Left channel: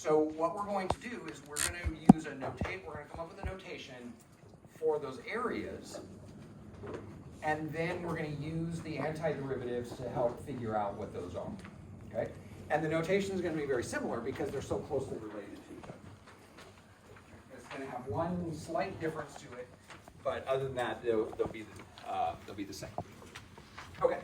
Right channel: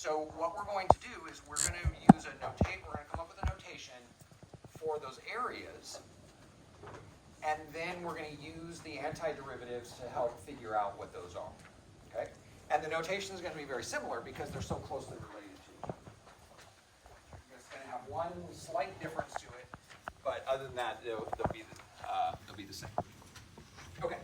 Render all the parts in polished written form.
So what we're going to do is we're going to use a notate. We're going to come up with a notation for those areas, and then we're going to use the antiderivatives to help figure out what those are. Okay? And the notation is going to be very similar because they're so closely related to each other. It's going to have one slight difference to it, but other than that, they'll be the same. Okay.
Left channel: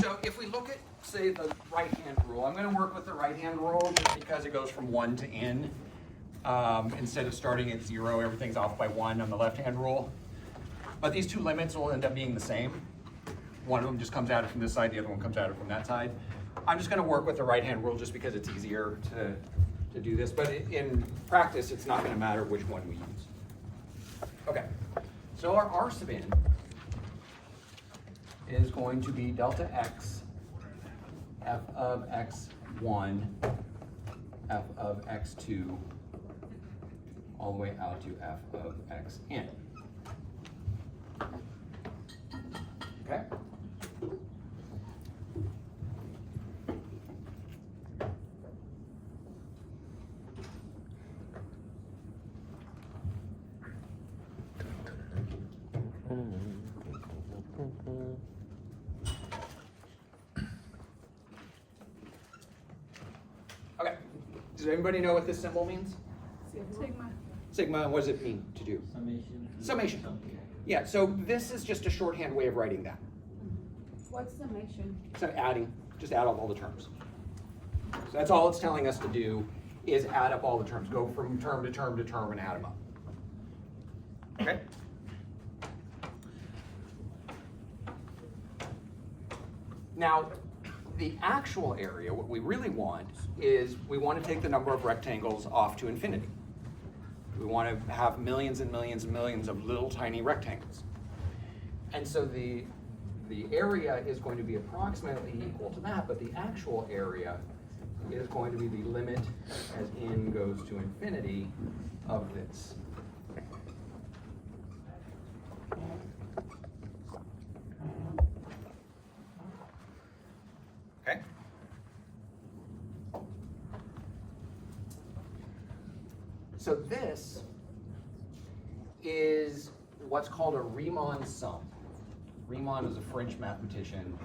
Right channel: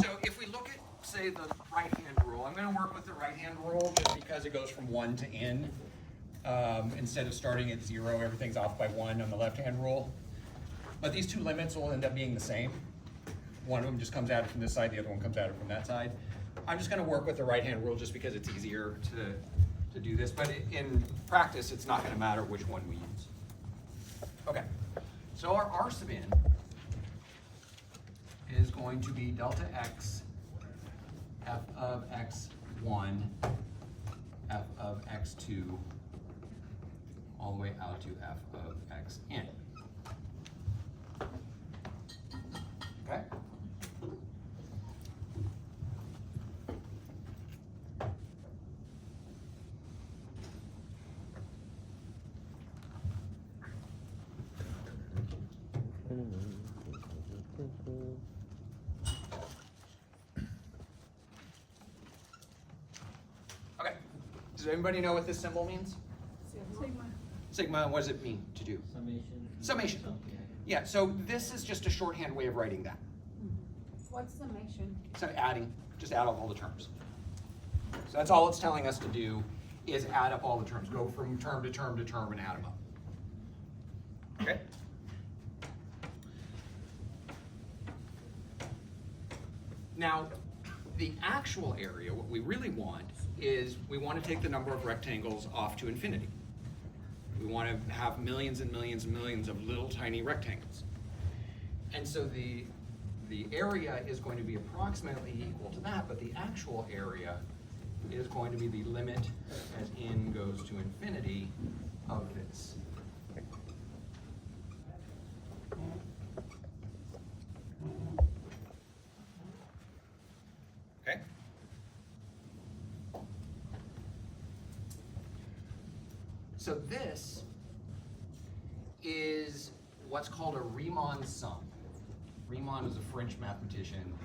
So if we look at, say, the right-hand rule, I'm going to work with the right-hand rule just because it goes from 1 to n. Instead of starting at 0, everything's off by 1 on the left-hand rule. But these two limits will end up being the same. One of them just comes at it from this side, the other one comes at it from that side. I'm just going to work with the right-hand rule just because it's easier to do this. But in practice, it's not going to matter which one we use. Okay. So our R sub n is going to be delta x f of x1 f of x2 all the way out to f of xn. Okay? Okay. Does anybody know what this symbol means? Sigma, what does it mean to do? Summation. Summation. Yeah, so this is just a shorthand way of writing that. What's summation? So adding, just add up all the terms. So that's all it's telling us to do is add up all the terms. Go from term to term to term and add them up. Okay? Now, the actual area, what we really want is we want to take the number of rectangles off to infinity. We want to have millions and millions and millions of little tiny rectangles. And so the area is going to be approximately equal to that, but the actual area is going to be the limit as n goes to infinity of this. Okay? So this is what's called a Riemann sum. Riemann was a French mathematician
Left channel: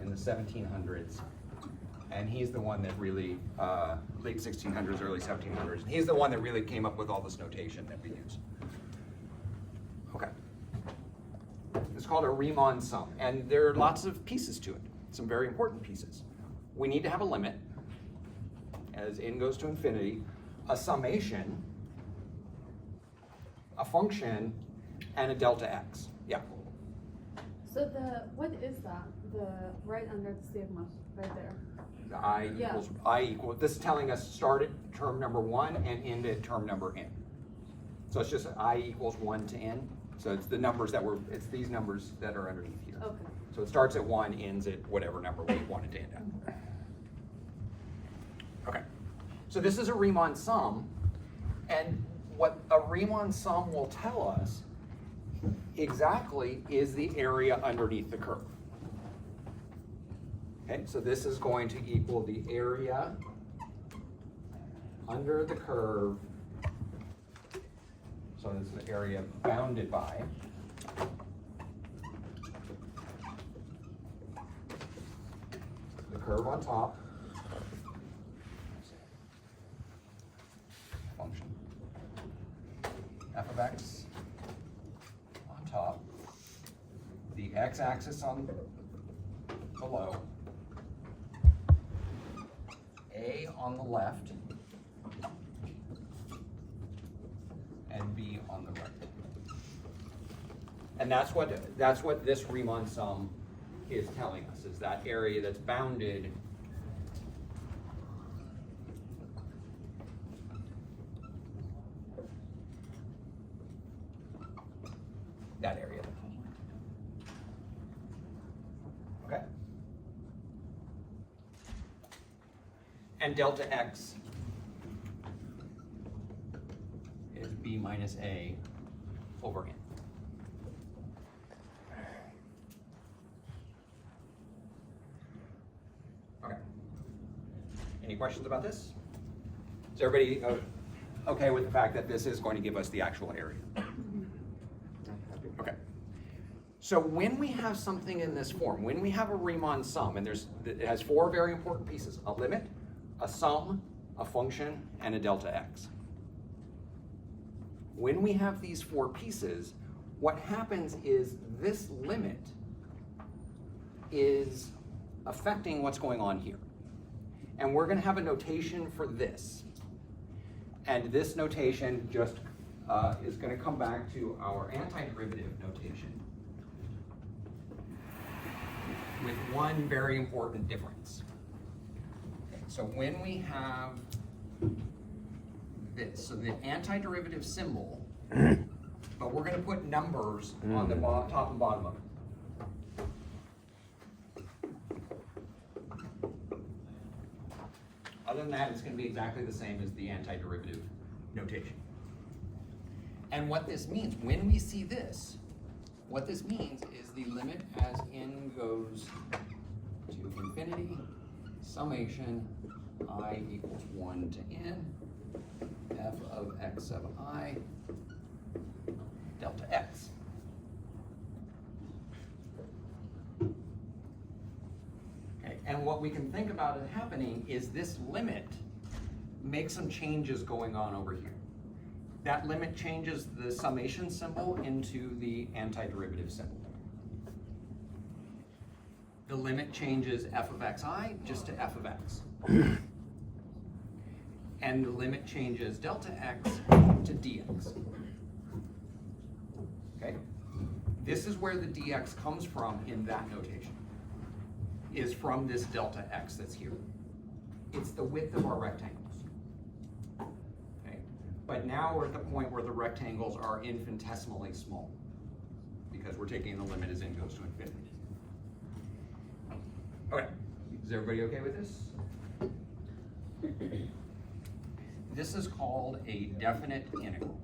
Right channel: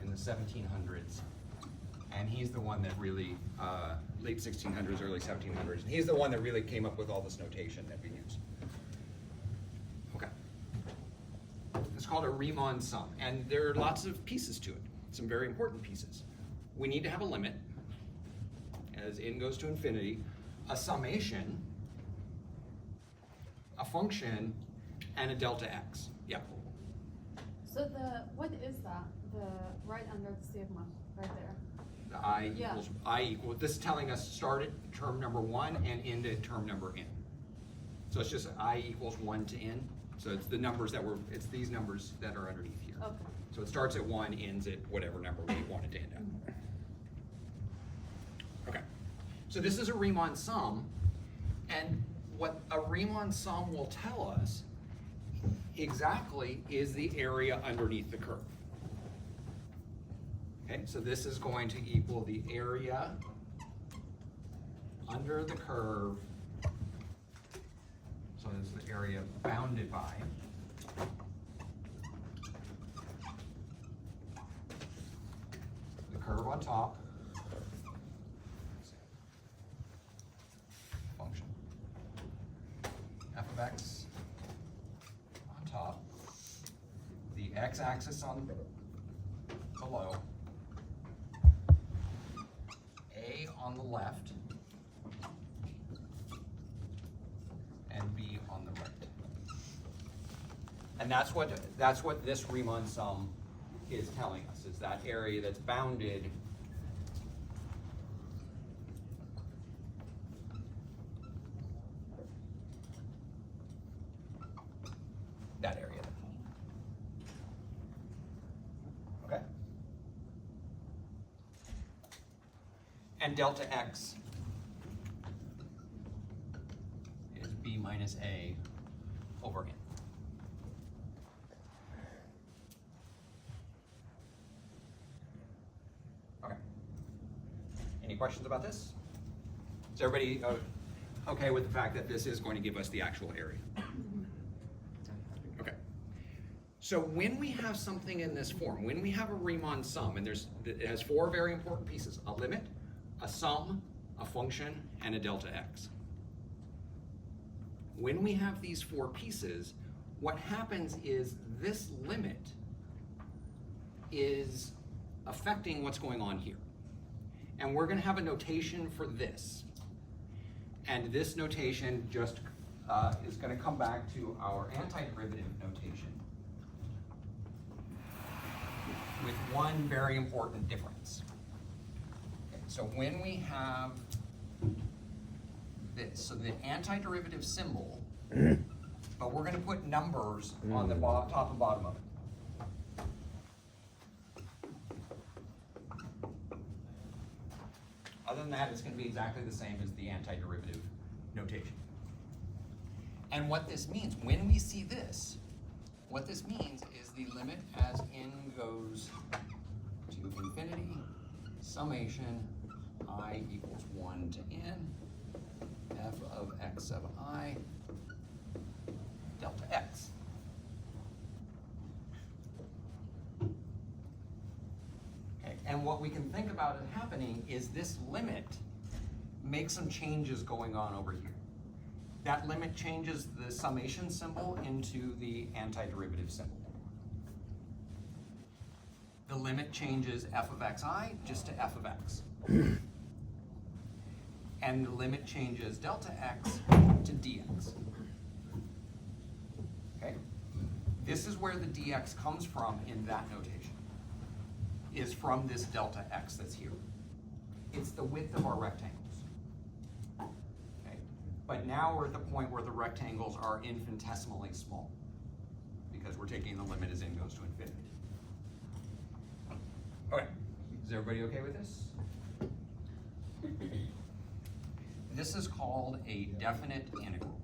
in the 1700s, and he's the one that really, late 1600s, early 1700s, he's the one that really came up with all this notation that we use. Okay. It's called a Riemann sum, and there are lots of pieces to it, some very important pieces. We need to have a limit as n goes to infinity, a summation, a function, and a delta x. Yeah. So what is that? The right under the sigma, right there. The I equals, this is telling us start at term number 1 and end at term number n. So it's just I equals 1 to n. So it's the numbers that it's these numbers that are underneath here. Okay. So it starts at 1, ends at whatever number we want it to end at. Okay. So this is a Riemann sum, and what a Riemann sum will tell us exactly is the area underneath the curve. Okay, so this is going to equal the area under the curve. So this is the area bounded by the curve on top. Function f of x on top, the x-axis on below, a on the left, and b on the right. And that's what this Riemann sum is telling us, is that area that's bounded that area. Okay? And delta x is b minus a over n. Okay. Any questions about this? Is everybody okay with the fact that this is going to give us the actual area? Okay. So when we have something in this form, when we have a Riemann sum, and it has four very important pieces: a limit, a sum, a function, and a delta x. When we have these four pieces, what happens is this limit is affecting what's going on here. And we're going to have a notation for this. And this notation just is going to come back to our antiderivative notation with one very important difference. Okay, so when we have this, so the antiderivative symbol, but we're going to put numbers on the top and bottom of it. Other than that, it's going to be exactly the same as the antiderivative notation. And what this means, when we see this, what this means is the limit as n goes to infinity, summation I equals 1 to n, f of x sub I, delta x. And what we can think about it happening is this limit makes some changes going on over here. That limit changes the summation symbol into the antiderivative symbol. The limit changes f of xi just to f of x. And the limit changes delta x to dx. Okay? This is where the dx comes from in that notation. Is from this delta x that's here. It's the width of our rectangles. Okay? But now we're at the point where the rectangles are infinitesimally small because we're taking the limit as n goes to infinity. Okay, is everybody okay with this? This is called a definite integral.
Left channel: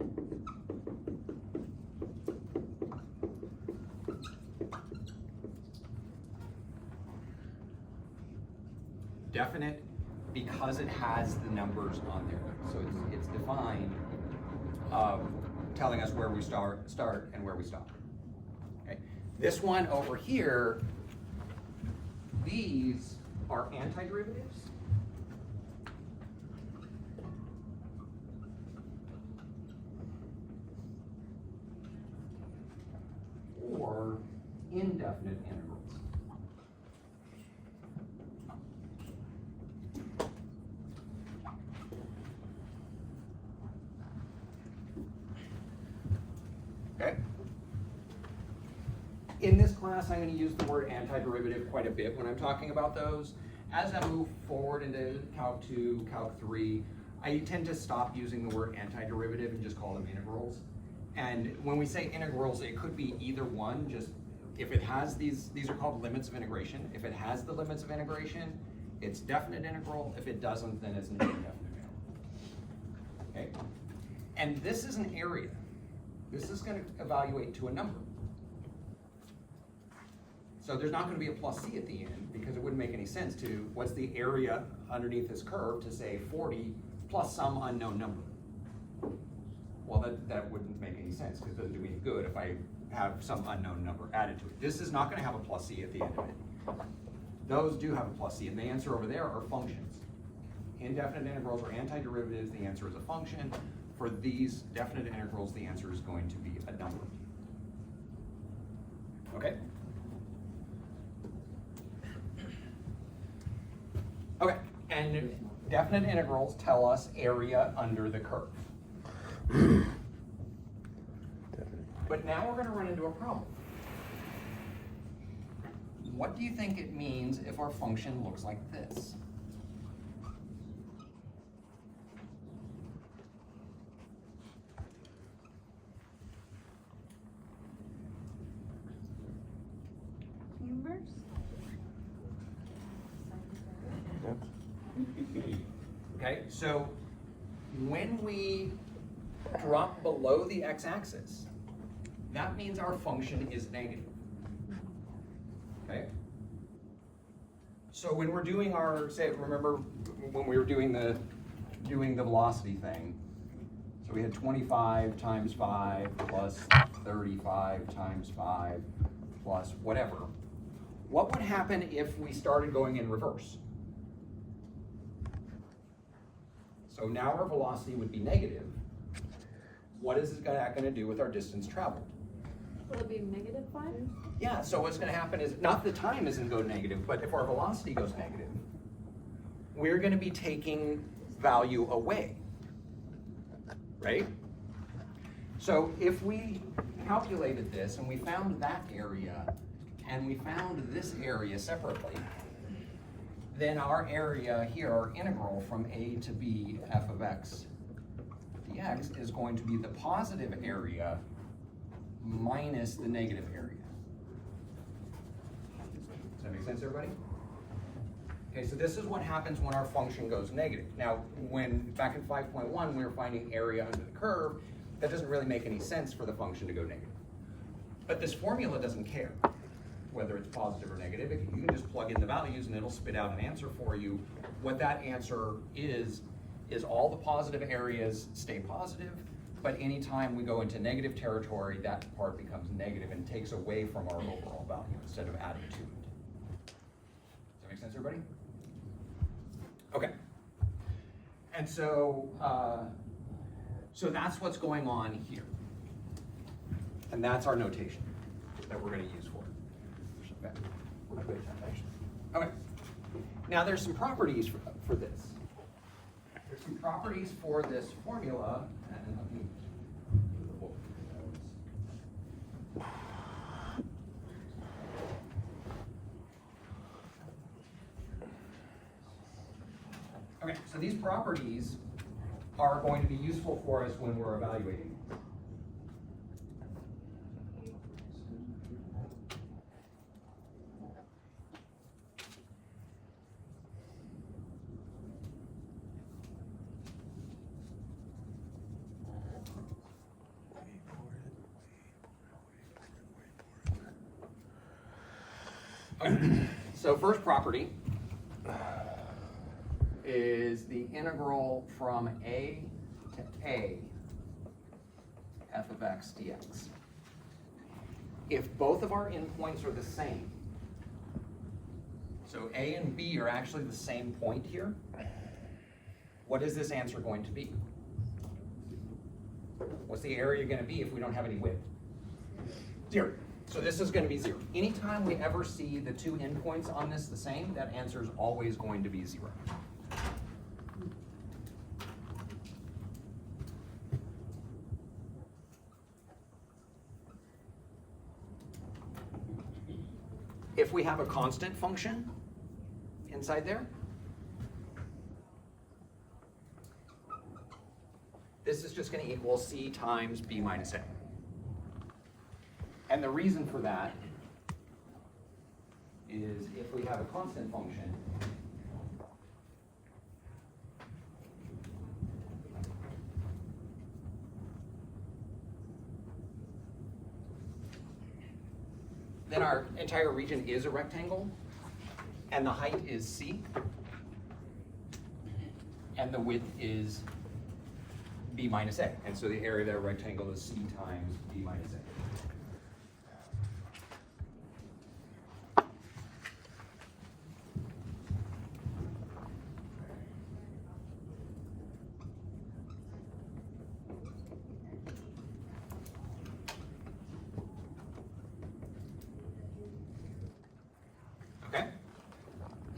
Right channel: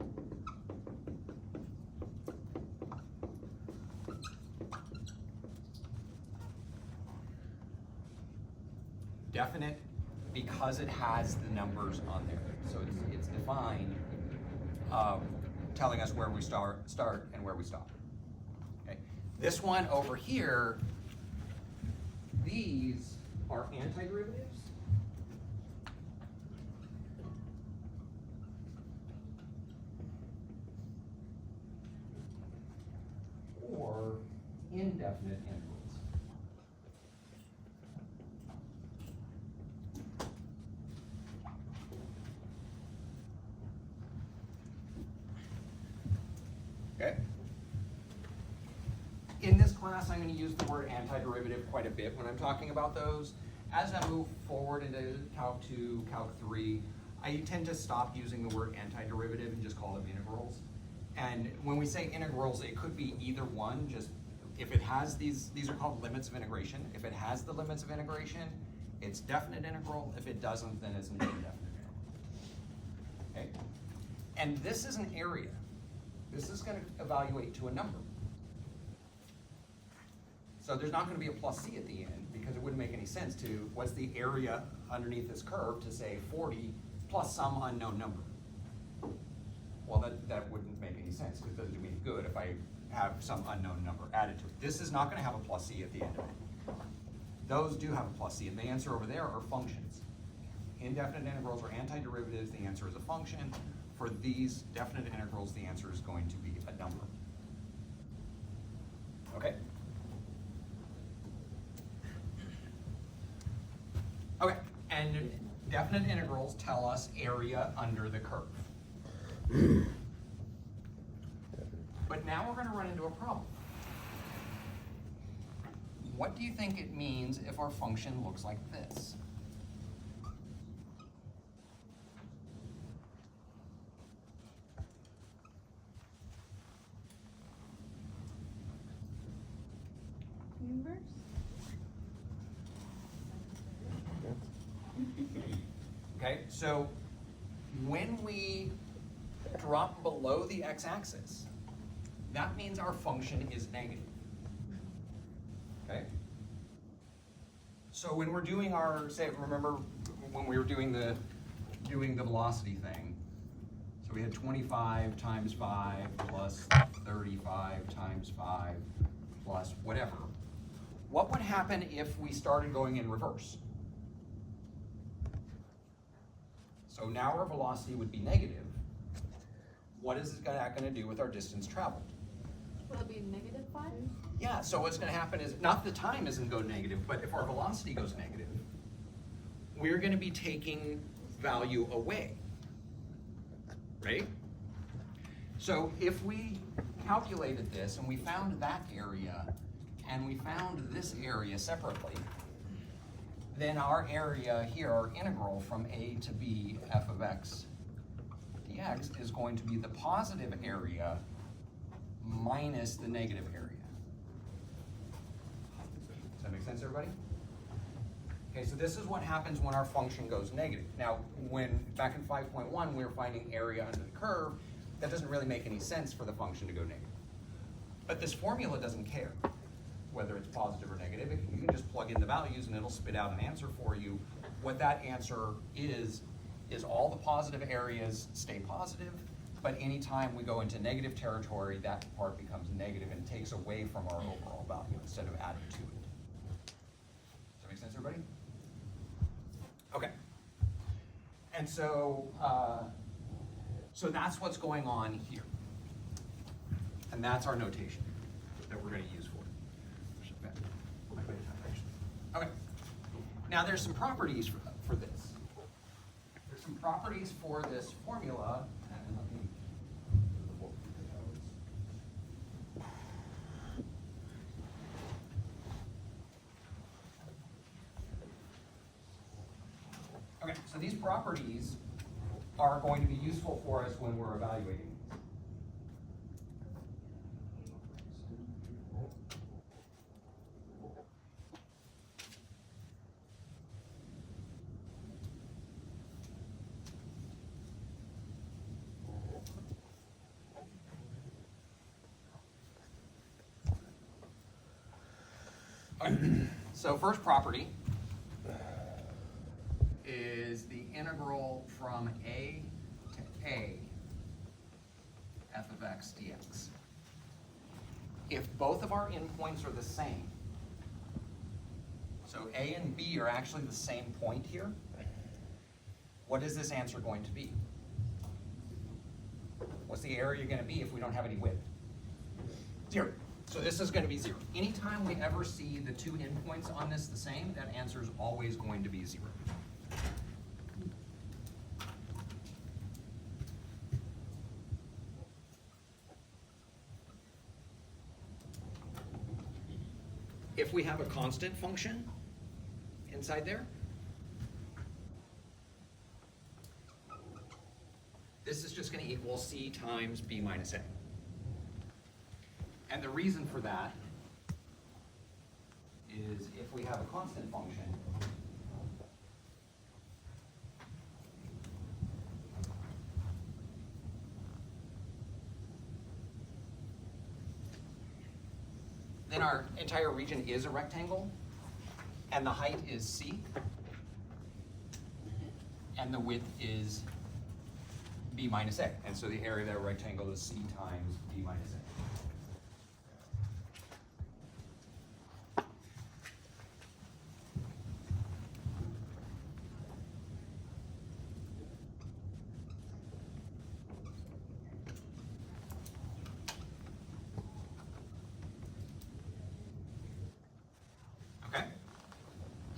Definite because it has the numbers on there. So it's defined, telling us where we start and where we stop. Okay. This one over here, these are antiderivatives. Or indefinite integrals. In this class, I'm going to use the word antiderivative quite a bit when I'm talking about those. As I move forward into Calc 2, Calc 3, I tend to stop using the word antiderivative and just call them integrals. And when we say integrals, it could be either one. Just if it has these are called limits of integration. If it has the limits of integration, it's definite integral. If it doesn't, then it's an indefinite integral. Okay? And this is an area. This is going to evaluate to a number. So there's not going to be a plus c at the end because it wouldn't make any sense to, what's the area underneath this curve to say 40 plus some unknown number? Well, that wouldn't make any sense because it doesn't do me any good if I have some unknown number added to it. This is not going to have a plus c at the end of it. Those do have a plus c, and the answer over there are functions. Indefinite integrals are antiderivatives, the answer is a function. For these definite integrals, the answer is going to be a number. Okay? Okay, and definite integrals tell us area under the curve. But now we're going to run into a problem. What do you think it means if our function looks like this? Okay, so when we drop below the x-axis, that means our function is negative. Okay? So when we're doing our, say, remember when we were doing the doing the velocity thing. So we had 25 times 5 plus 35 times 5 plus whatever. What would happen if we started going in reverse? So now our velocity would be negative. What is that going to do with our distance traveled? Will it be -5? Yeah, so what's going to happen is, not the time isn't go negative, but if our velocity goes negative, we're going to be taking value away, right? So if we calculated this and we found that area and we found this area separately, then our area here, our integral from a to b f of x dx is going to be the positive area minus the negative area. Does that make sense, everybody? Okay, so this is what happens when our function goes negative. Now, when back in 5.1 we were finding area under the curve, that doesn't really make any sense for the function to go negative. But this formula doesn't care whether it's positive or negative. You can just plug in the values and it'll spit out an answer for you. What that answer is all the positive areas stay positive, but anytime we go into negative territory, that part becomes negative and takes away from our overall value instead of adding to it. Does that make sense, everybody? Okay. And so, so that's what's going on here. And that's our notation that we're going to use for it. Okay. Now there's some properties for this. There's some properties for this formula. Okay, so these properties are going to be useful for us when we're evaluating. So first property is the integral from a to a f of x dx. If both of our endpoints are the same, so a and b are actually the same point here, what is this answer going to be? What's the area going to be if we don't have any width? 0. So this is going to be 0. Anytime we ever see the two endpoints on this the same, that answer is always going to be 0. If we have a constant function inside there, this is just going to equal c times b minus a. And the reason for that is if we have a constant function, then our entire region is a rectangle, and the height is c, and the width is b minus a. And so the area of that rectangle is c times b minus a.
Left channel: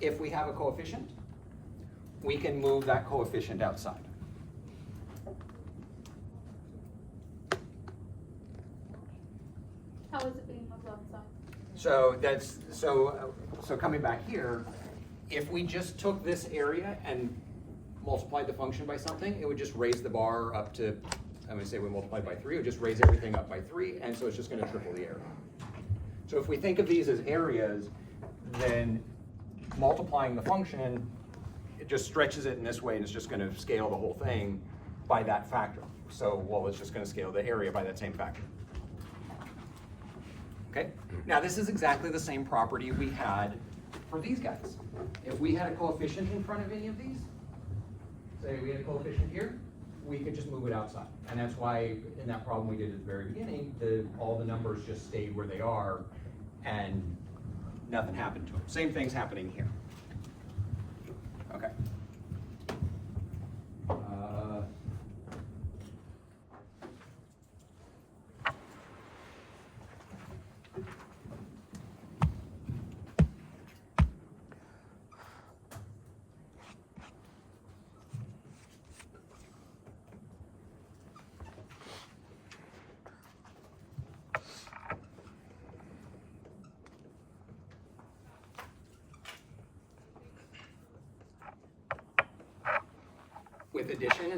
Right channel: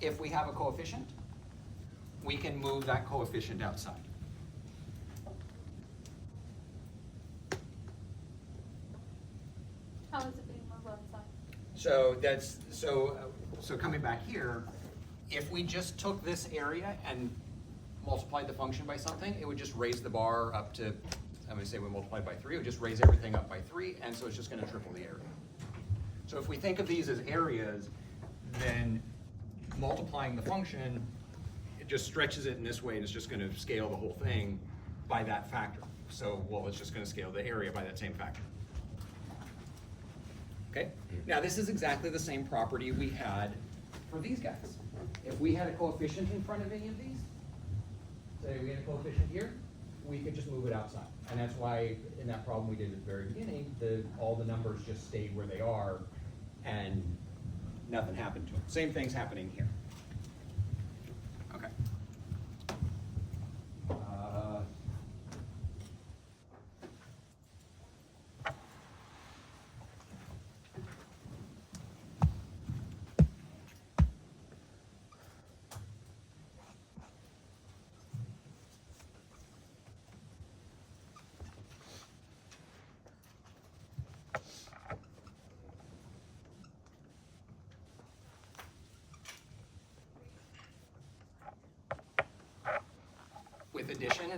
If we have a coefficient, we can move that coefficient outside. How is it being moved outside? So coming back here, if we just took this area and multiplied the function by something, it would just raise the bar up to, I'm going to say we multiplied by 3, it would just raise everything up by 3, and so it's just going to triple the area. So if we think of these as areas, then multiplying the function, it just stretches it in this way, and it's just going to scale the whole thing by that factor. So, well, it's just going to scale the area by that same factor. Okay? Now, this is exactly the same property we had for these guys. If we had a coefficient in front of any of these, say say we had a coefficient here, we could just move it outside. And that's why in that problem we did at the very beginning, all the numbers just stayed where they are and nothing happened to it. Same thing's happening here. Okay. With addition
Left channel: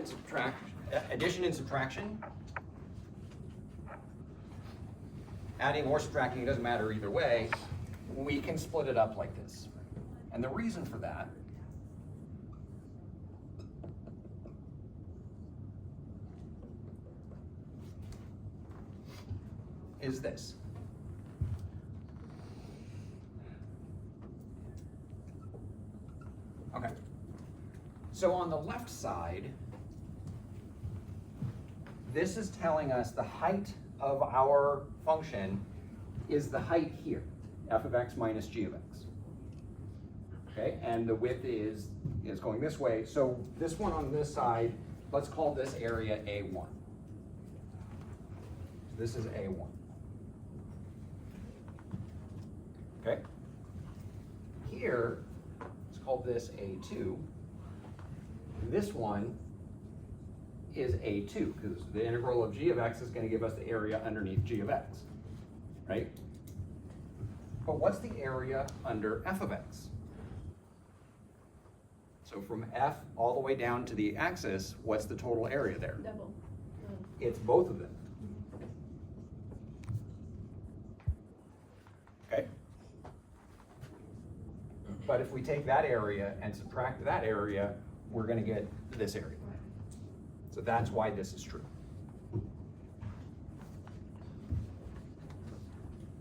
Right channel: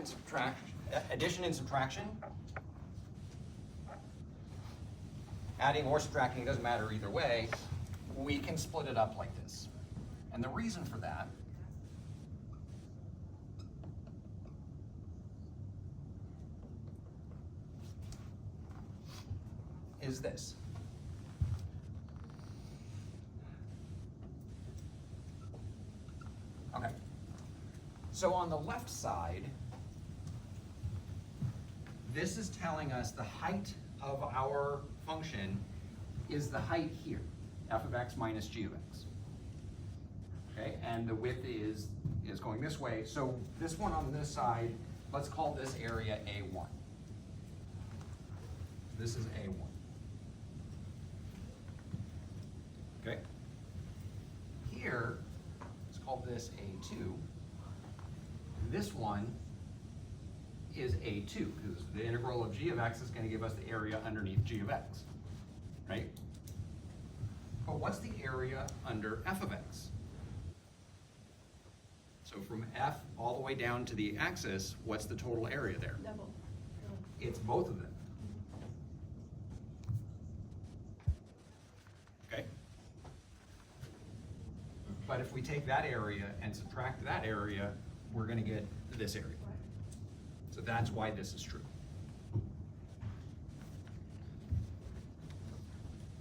and subtraction, adding or subtracting, doesn't matter either way, we can split it up like this. And the reason for that is this. Okay. So on the left side, this is telling us the height of our function is the height here, f of x minus g of x. Okay, and the width is going this way. So this one on this side, let's call this area A1. This is A1. Okay. Here, let's call this A2. This one is A2, because the integral of g of x is going to give us the area underneath g of x, right? But what's the area under f of x? So from f all the way down to the axis, what's the total area there? Double. It's both of them. Okay? But if we take that area and subtract that area, we're going to get this area. So that's why this is true.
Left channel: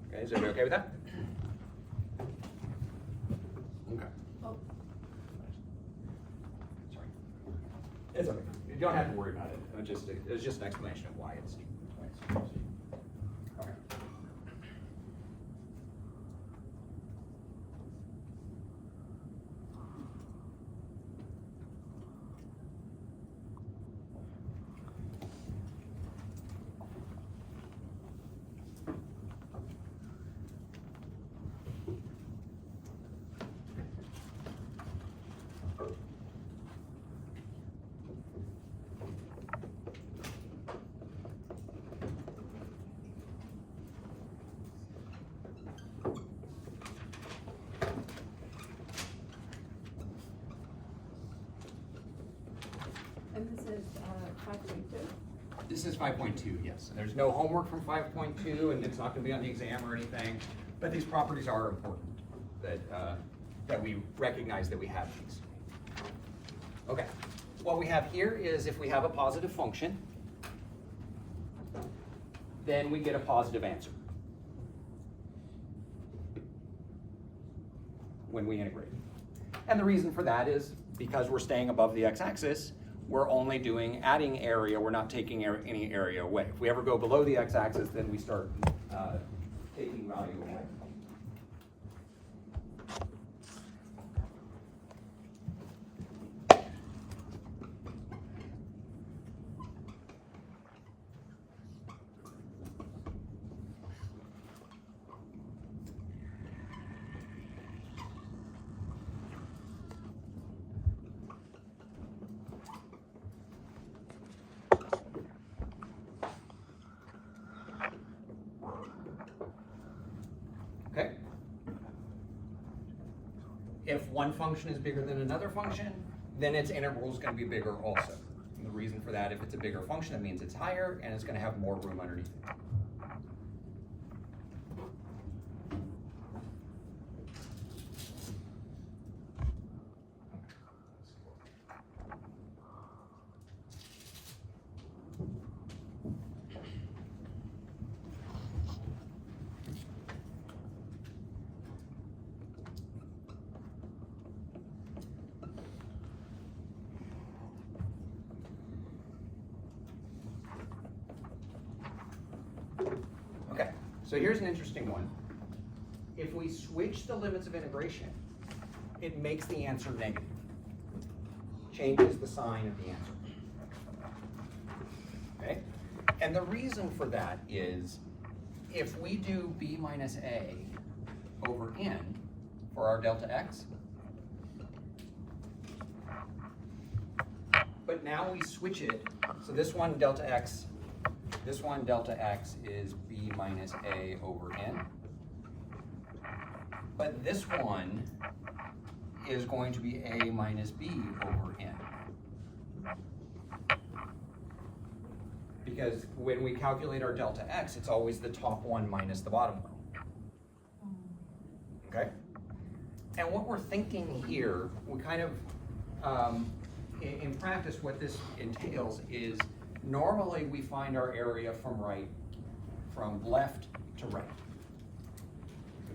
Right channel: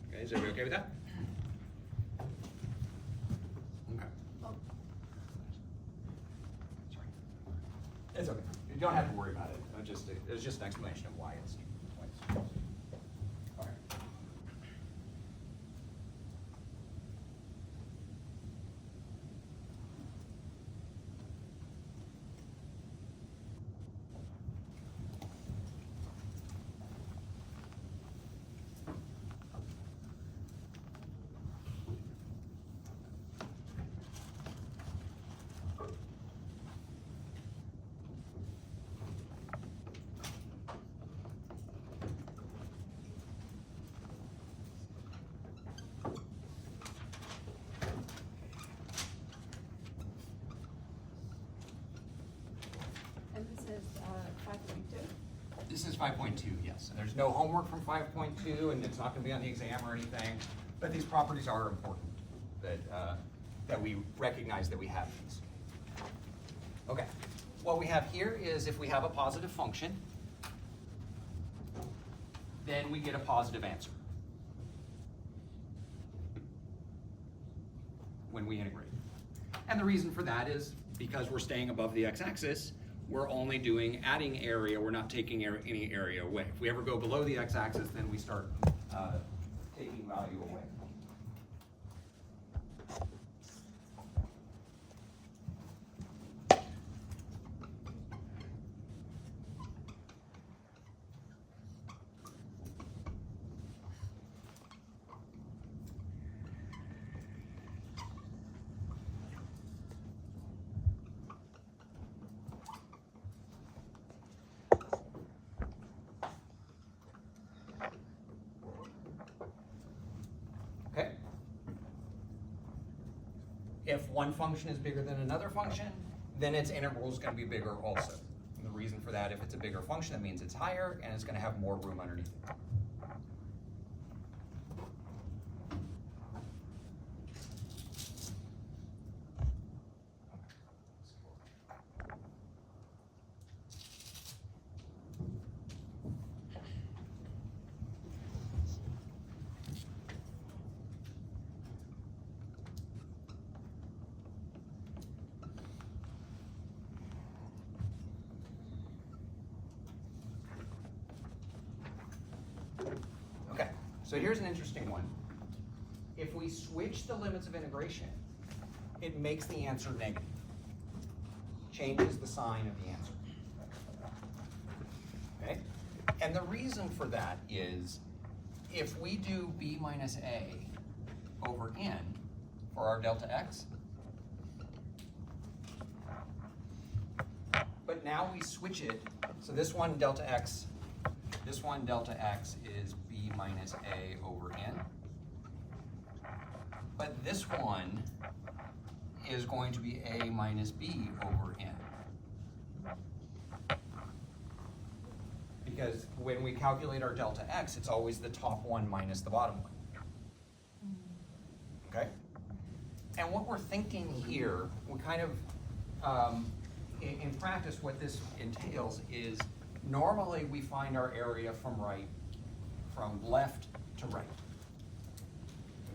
Okay, is everybody okay with that? Okay. Oh. Sorry. It's okay. You don't have to worry about it. It's just an explanation of why it's twice. Okay. And this is 5.2. This is 5.2, yes. And there's no homework from 5.2, and it's not going to be on the exam or anything. But these properties are important that we recognize that we have these. Okay. What we have here is if we have a positive function, then we get a positive answer when we integrate. And the reason for that is because we're staying above the x-axis, we're only doing adding area, we're not taking any area away. If we ever go below the x-axis, then we start taking value away. Okay? If one function is bigger than another function, then its integral is going to be bigger also. And the reason for that, if it's a bigger function, that means it's higher and it's going to have more room underneath it. So here's an interesting one. If we switch the limits of integration, it makes the answer negative. Changes the sign of the answer. Okay? And the reason for that is, if we do b minus a over n for our delta x, but now we switch it, so this one delta x is b minus a over n. But this one is going to be a minus b over n. Because when we calculate our delta x, it's always the top one minus the bottom one. Okay? And what we're thinking here, we kind of, in practice, what this entails is normally we find our area from left to right.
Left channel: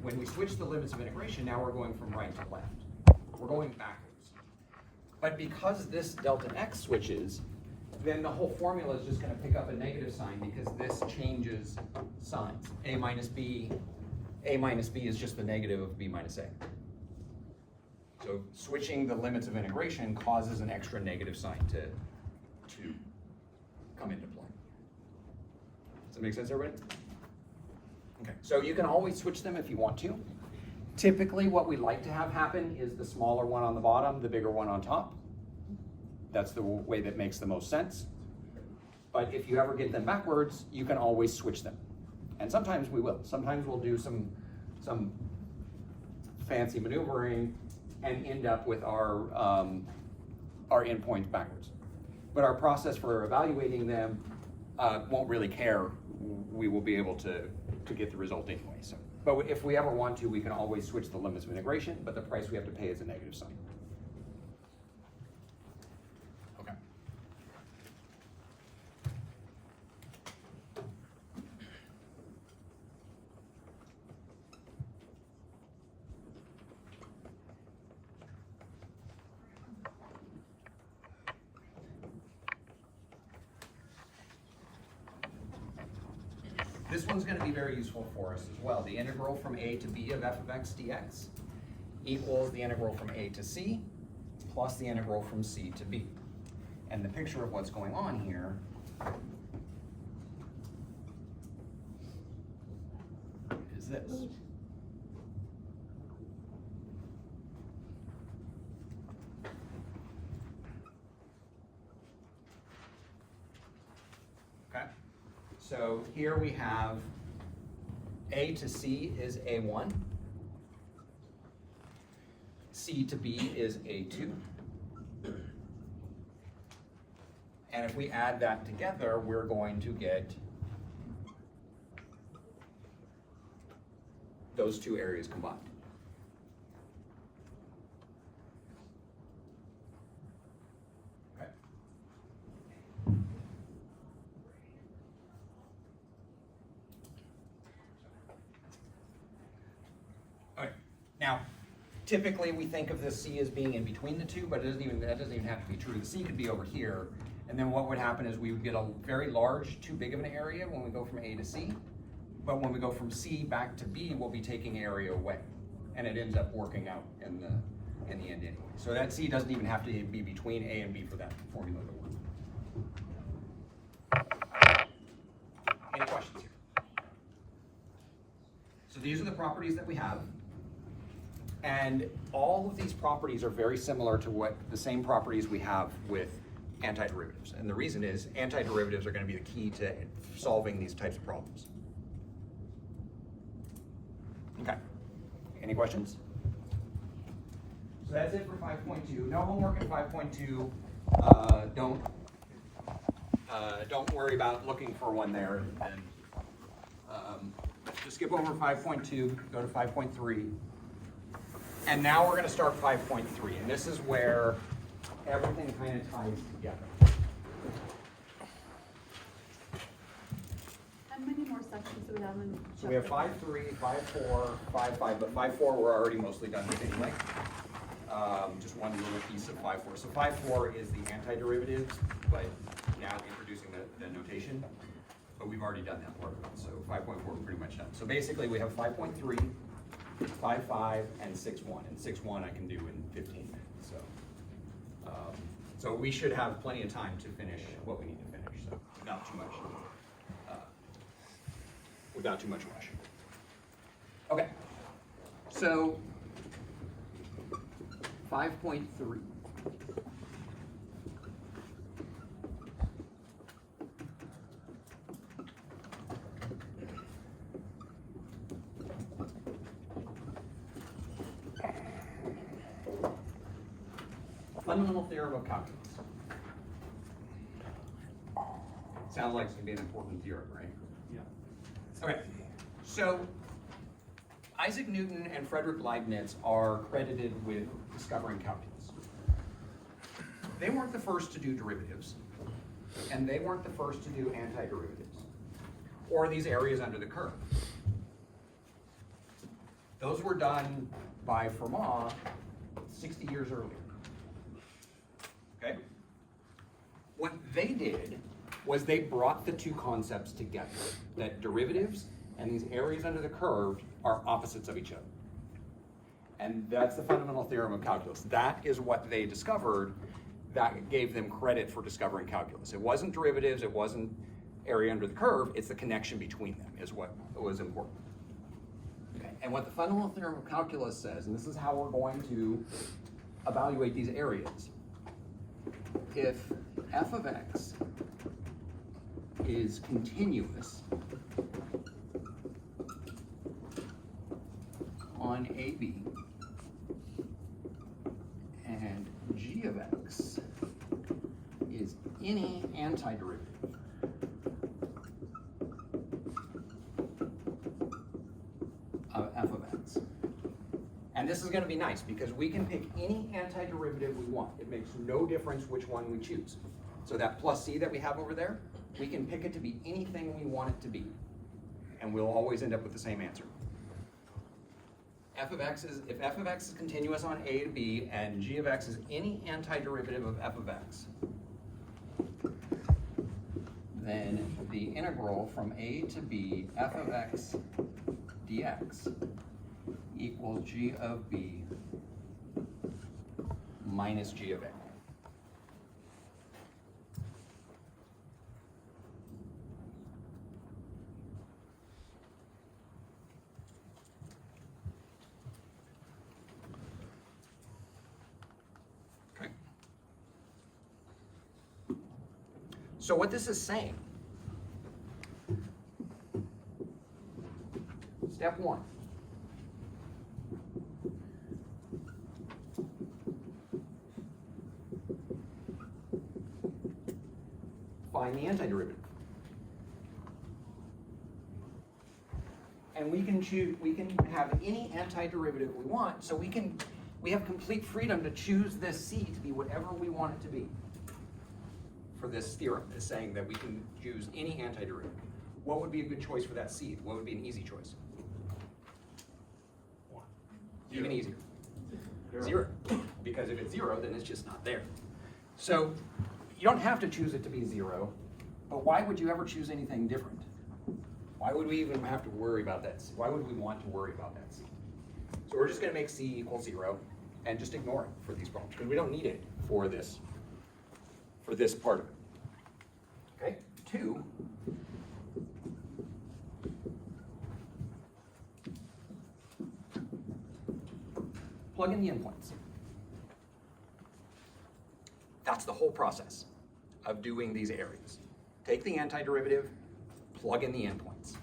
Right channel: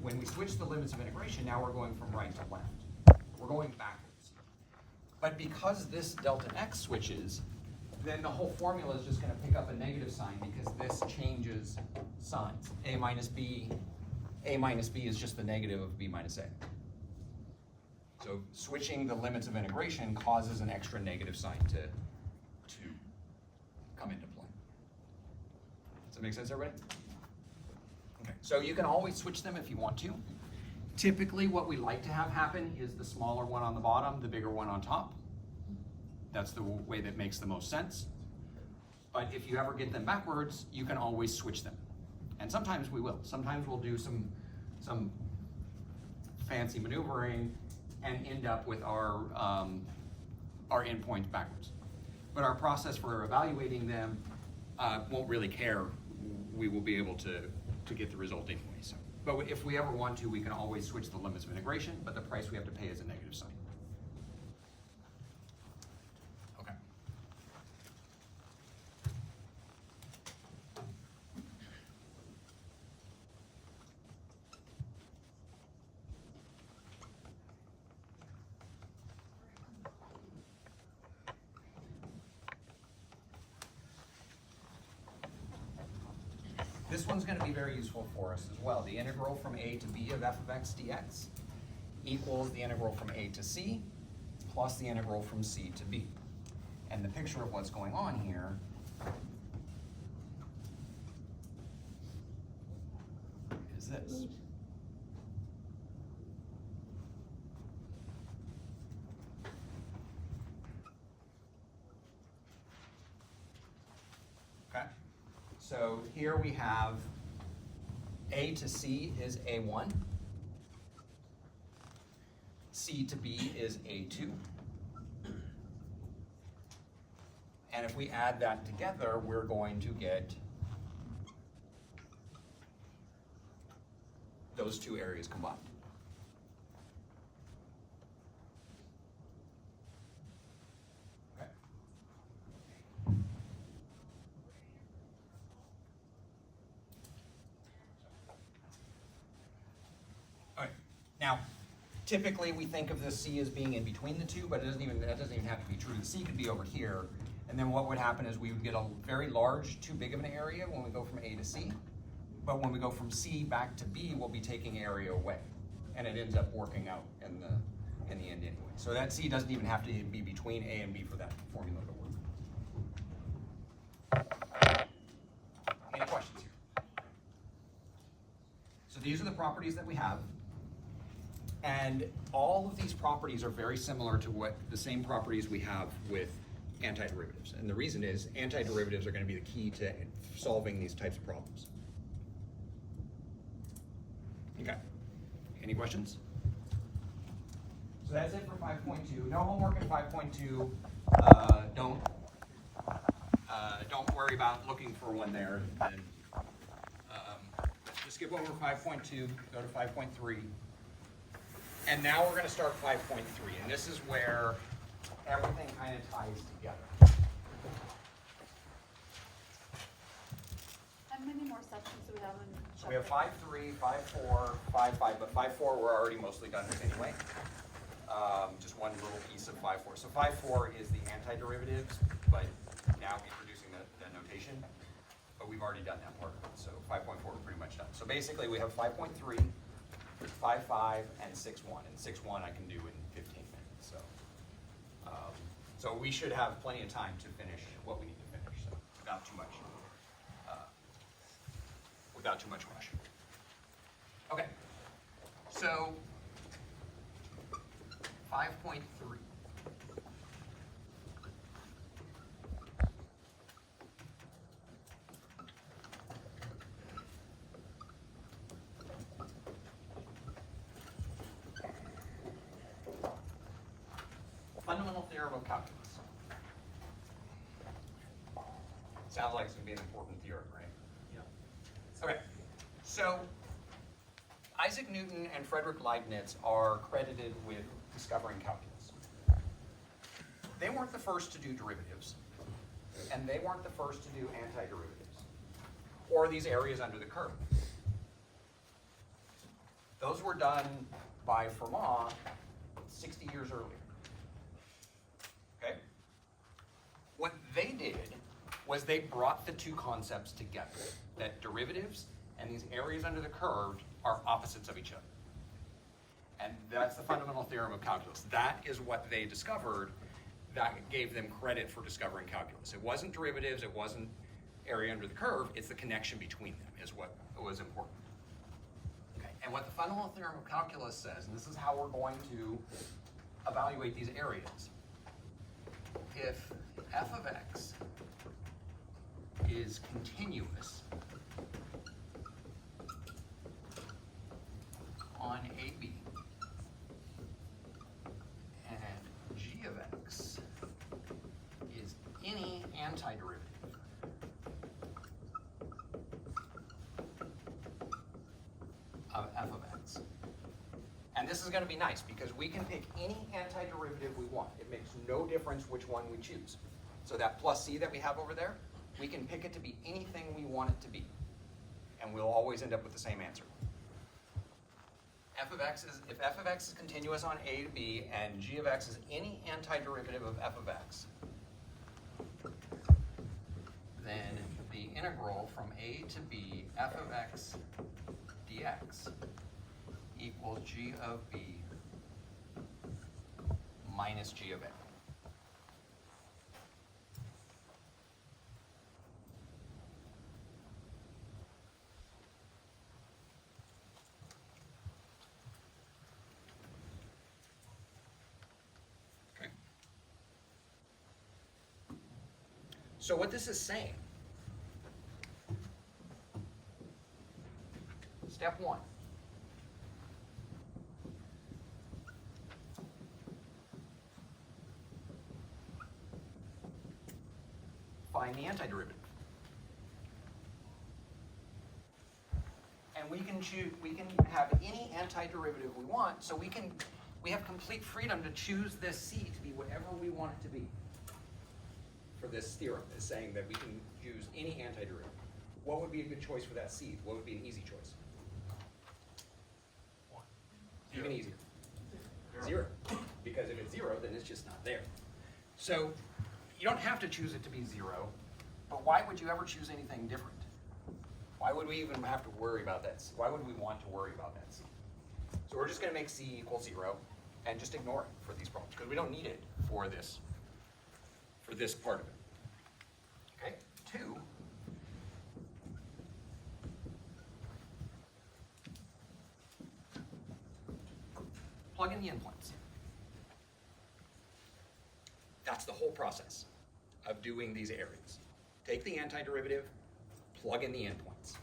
When we switch the limits of integration, now we're going from right to left. We're going backwards. But because this delta x switches, then the whole formula is just going to pick up a negative sign because this changes signs. A minus b is just the negative of b minus a. So switching the limits of integration causes an extra negative sign to come into play. Does that make sense, everybody? Okay, so you can always switch them if you want to. Typically what we like to have happen is the smaller one on the bottom, the bigger one on top. That's the way that makes the most sense. But if you ever get them backwards, you can always switch them. And sometimes we will. Sometimes we'll do some fancy maneuvering and end up with our endpoints backwards. But our process for evaluating them won't really care. We will be able to get the result anyway. So, but if we ever want to, we can always switch the limits of integration, but the price we have to pay is a negative sign. Okay. This one's going to be very useful for us as well. The integral from a to b of f of x dx equals the integral from a to c plus the integral from c to b. And the picture of what's going on here is this. Okay? So here we have a to c is a1, c to b is a2. And if we add that together, we're going to get those two areas combined. Okay. Okay. Now, typically we think of this C as being in between the two, but that doesn't even have to be true. The C could be over here. And then what would happen is we would get a very large, too big of an area when we go from A to C. But when we go from C back to B, we'll be taking area away. And it ends up working out in the end anyway. So that C doesn't even have to be between A and B for that formula to work. Any questions here? So these are the properties that we have. And all of these properties are very similar to the same properties we have with antiderivatives. And the reason is antiderivatives are going to be the key to solving these types of problems. Okay. Any questions? So that's it for 5.2. No homework in 5.2. Don't worry about looking for one there. And, just skip over 5.2, go to 5.3. And now we're going to start 5.3. And this is where everything kind of ties together. And many more sections so we haven't. So we have 5.3, 5.4, 5.5, but 5.4 we're already mostly done with anyway. Just one little piece of 5.4. So 5.4 is the antiderivatives, but now introducing the notation. But we've already done that part of it, so 5.4 we're pretty much done. So basically we have 5.3, 5.5, and 6.1. And 6.1 I can do in 15 minutes, so we should have plenty of time to finish what we need to finish, so without too much rush. Okay, so 5.3. Fundamental theorem of calculus. Sounds like it's going to be an important theorem, right? Yeah. Okay, so Isaac Newton and Frederick Leibniz are credited with discovering calculus. They weren't the first to do derivatives, and they weren't the first to do antiderivatives, or these areas under the curve. Those were done by Fermat 60 years earlier. Okay? What they did was they brought the two concepts together, that derivatives and these areas under the curve are opposites of each other. And that's the fundamental theorem of calculus. That is what they discovered that gave them credit for discovering calculus. It wasn't derivatives, it wasn't area under the curve, it's the connection between them is what was important. Okay, and what the fundamental theorem of calculus says, and this is how we're going to evaluate these areas. If f of x is continuous on AB and g of x is any antiderivative of f of x. And this is going to be nice because we can pick any antiderivative we want. It makes no difference which one we choose. So that plus c that we have over there, we can pick it to be anything we want it to be. And we'll always end up with the same answer. If f of x is continuous on a to b and g of x is any antiderivative of f of x, then the integral from a to b f of x dx equals g of b minus g of a. Okay. So what this is saying, step one, find the antiderivative. And we can have any antiderivative we want, so we have complete freedom to choose this c to be whatever we want it to be. For this theorem, is saying that we can choose any antiderivative. What would be a good choice for that c? What would be an easy choice? Even easier. Zero. Because if it's zero, then it's just not there. So you don't have to choose it to be zero, but why would you ever choose anything different? Why would we even have to worry about that? Why would we want to worry about that c? So we're just going to make c equal 0 and just ignore it for these problems because we don't need it for this part of it. Okay, 2. Plug in the endpoints. That's the whole process of doing these areas. Take the antiderivative, plug in the endpoints.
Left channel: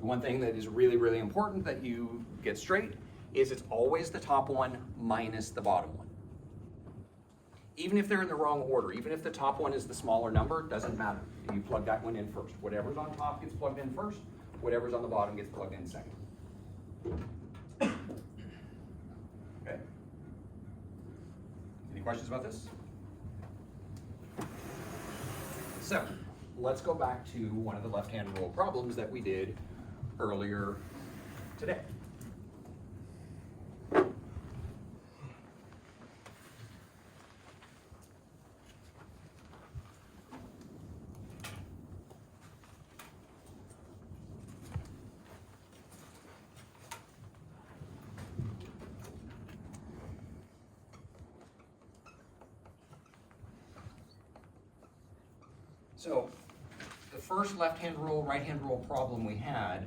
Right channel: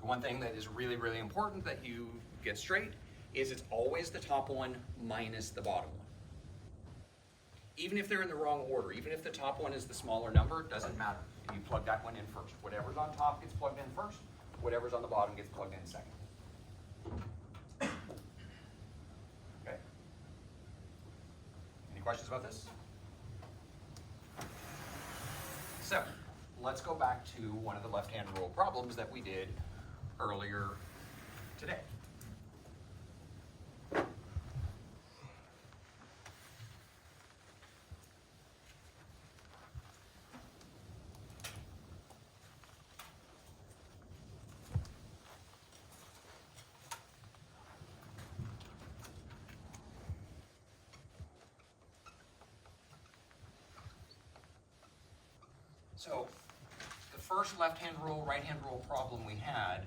The one thing that is really, really important that you get straight is it's always the top one minus the bottom one. Even if they're in the wrong order, even if the top one is the smaller number, it doesn't matter. You plug that one in first. Whatever's on top gets plugged in first, whatever's on the bottom gets plugged in second. Okay. Any questions about this? So, let's go back to one of the left-hand rule problems that we did earlier today. So the first left-hand rule, right-hand rule problem we had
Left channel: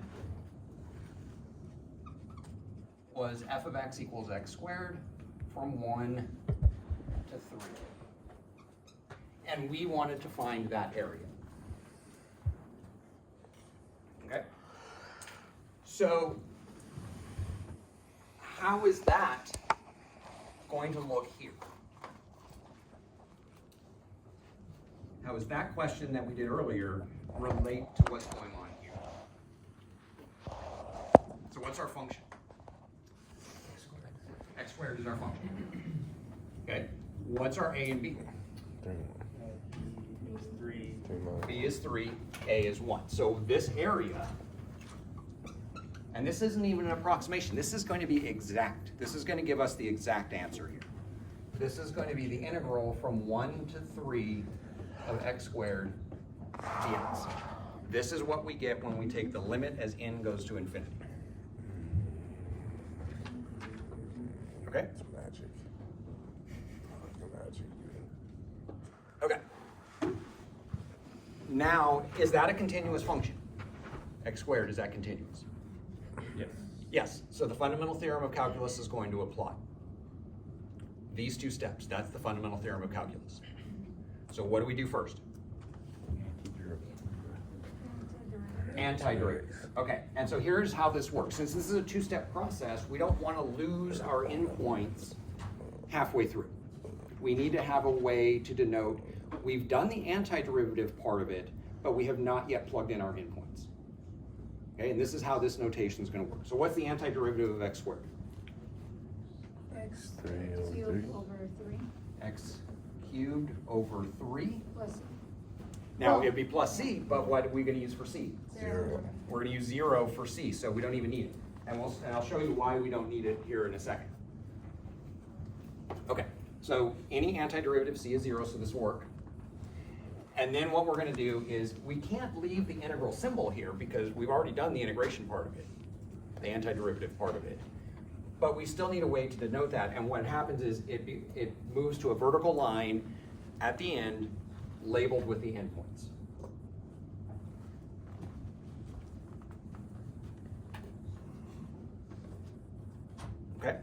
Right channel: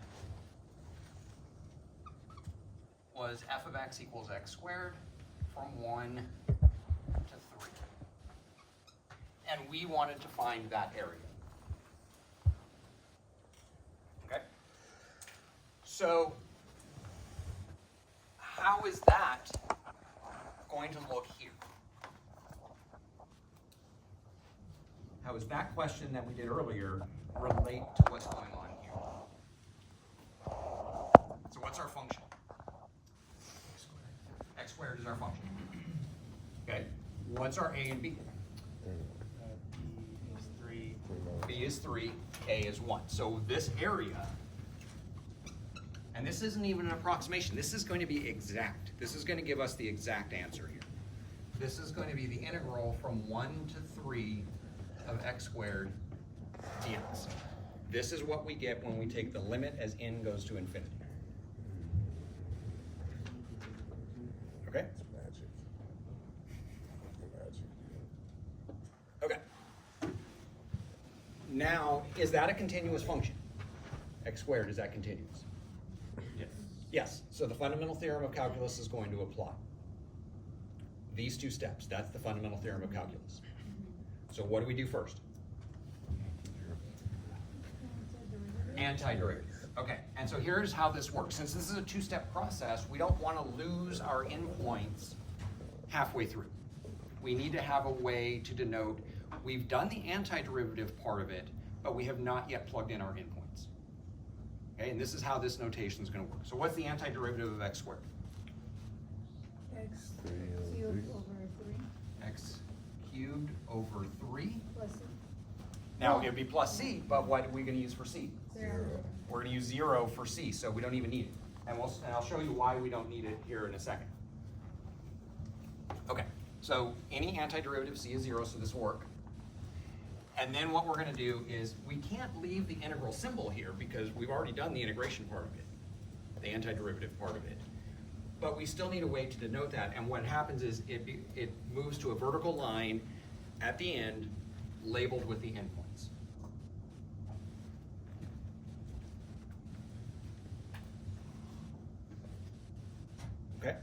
was f of x equals x squared from 1 to 3. And we wanted to find that area. Okay? So how is that going to look here? How does that question that we did earlier relate to what's going on here? So what's our function? X squared is our function. Okay. What's our A and B? B is 3, A is 1. So this area, and this isn't even an approximation, this is going to be exact. This is going to give us the exact answer here. This is going to be the integral from 1 to 3 of x squared dx. This is what we get when we take the limit as n goes to infinity. Okay? Okay. Now, is that a continuous function? X squared, is that continuous? Yes. Yes. So the fundamental theorem of calculus is going to apply. These two steps, that's the fundamental theorem of calculus. So what do we do first? Antiderivative. Okay, and so here's how this works. Since this is a two-step process, we don't want to lose our endpoints halfway through. We need to have a way to denote we've done the antiderivative part of it, but we have not yet plugged in our endpoints. Okay, and this is how this notation is going to work. So what's the antiderivative of x squared? X cubed over 3 X cubed over 3. plus Now it'd be plus c, but what are we going to use for c? 0. We're going to use 0 for c, so we don't even need it. And I'll show you why we don't need it here in a second. Okay, so any antiderivative c is 0, so this will work. And then what we're going to do is we can't leave the integral symbol here because we've already done the integration part of it, the antiderivative part of it. But we still need a way to denote that, and what happens is it moves to a vertical line at the end labeled with the endpoints. Okay,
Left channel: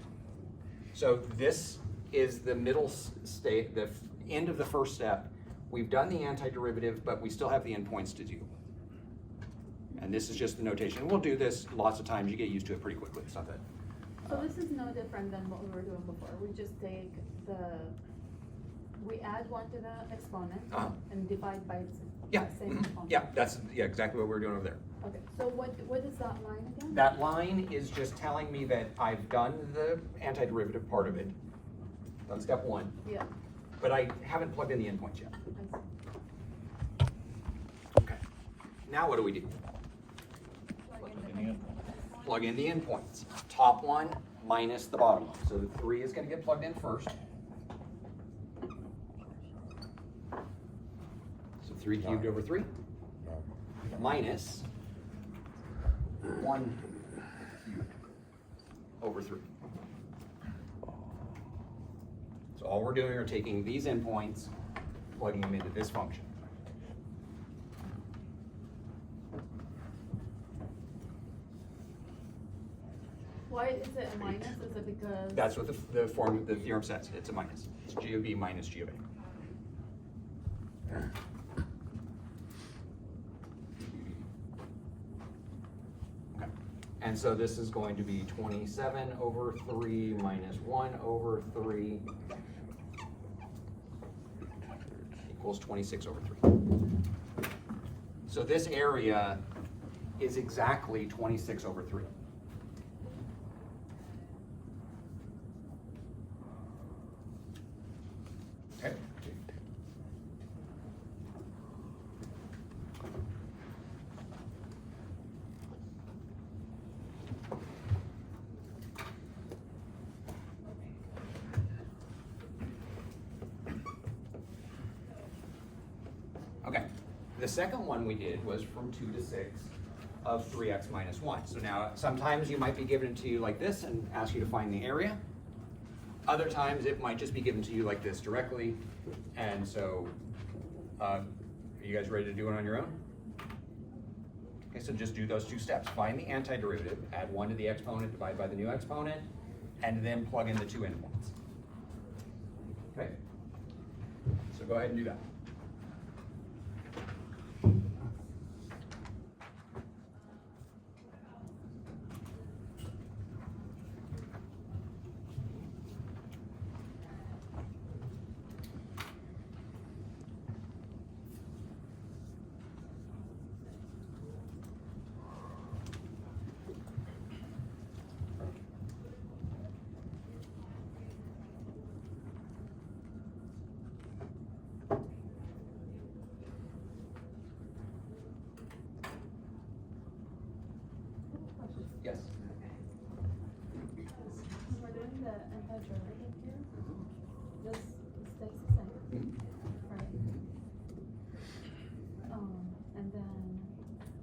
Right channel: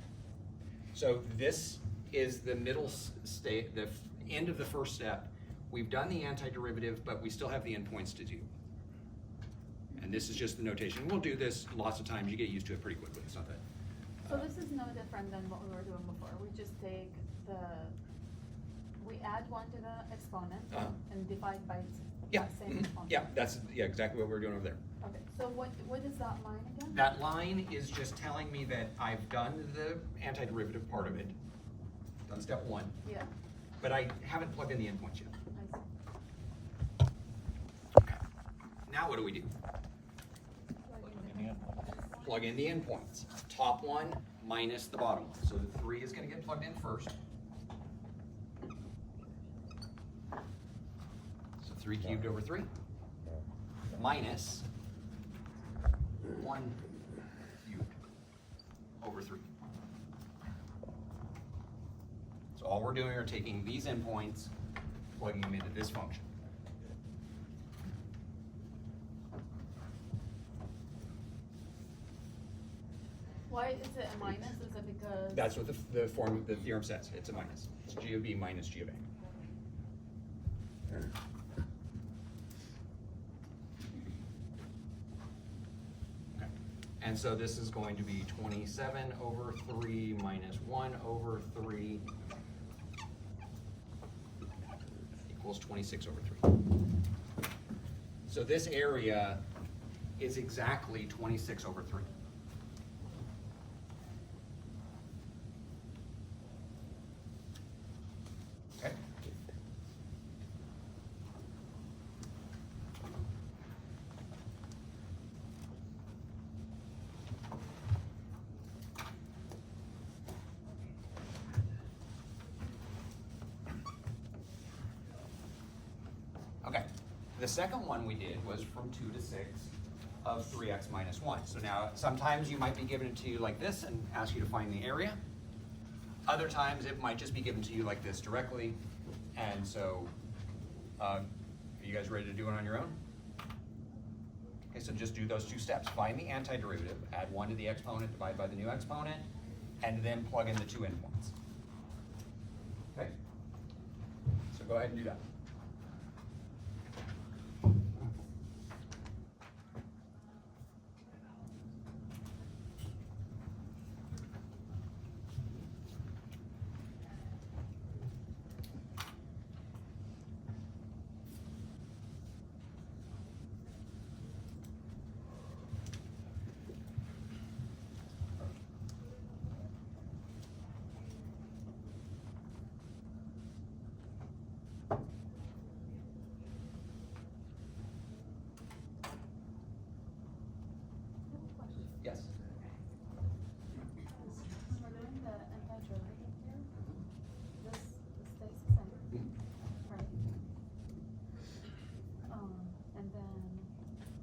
so this is the middle state, the end of the first step. We've done the antiderivative, but we still have the endpoints to deal with. And this is just the notation. We'll do this lots of times. You get used to it pretty quickly. It's not that. So this is no different than what we were doing before. We just take we add 1 to the exponent and divide by its same exponent. Yeah, that's exactly what we're doing over there. Okay, so what is that line again? That line is just telling me that I've done the antiderivative part of it, done step 1, Yeah. but I haven't plugged in the endpoints yet. I see. Okay. Now what do we do? Like Plug in the endpoints. Top one minus the bottom one. So the 3 is going to get plugged in first. So 3 cubed over 3 minus 1 cubed over 3. So all we're doing are taking these endpoints, plugging them into this function. Why is it a minus? Is it because? That's what the theorem says. It's a minus. It's g of b minus g of a. Okay. And so this is going to be 27 over 3 minus 1 over 3 equals 26 over 3. So this area is exactly 26 over 3. Okay. Okay, the second one we did was from 2 to 6 of 3x minus 1. So now sometimes you might be given it to you like this and ask you to find the area. Other times it might just be given to you like this directly, and so Are you guys ready to do it on your own? Okay, so just do those 2 steps. Find the antiderivative, add 1 to the exponent, divide by the new exponent, and then plug in the 2 endpoints. Okay? So go ahead and do that. Yes? We're doing the antiderivative here. This stays the same, right? And then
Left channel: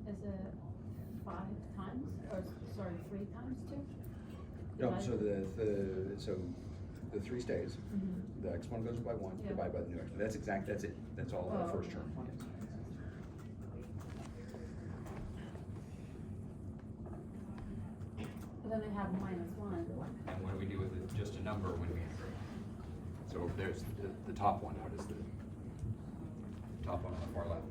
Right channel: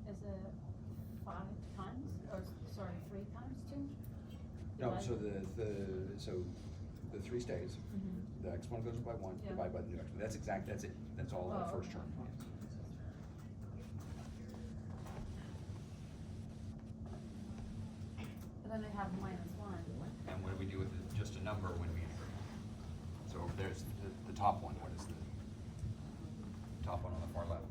is it 5 times, or sorry, 3 times 2? No, so the 3 stays. The exponent goes by 1, Yeah. divided by the new exponent. That's exact, that's it. That's all of the Oh, first term. But then they have -1. And what do we do with it? Just a number when we integrate? So there's the top one. How does the top one on the far left?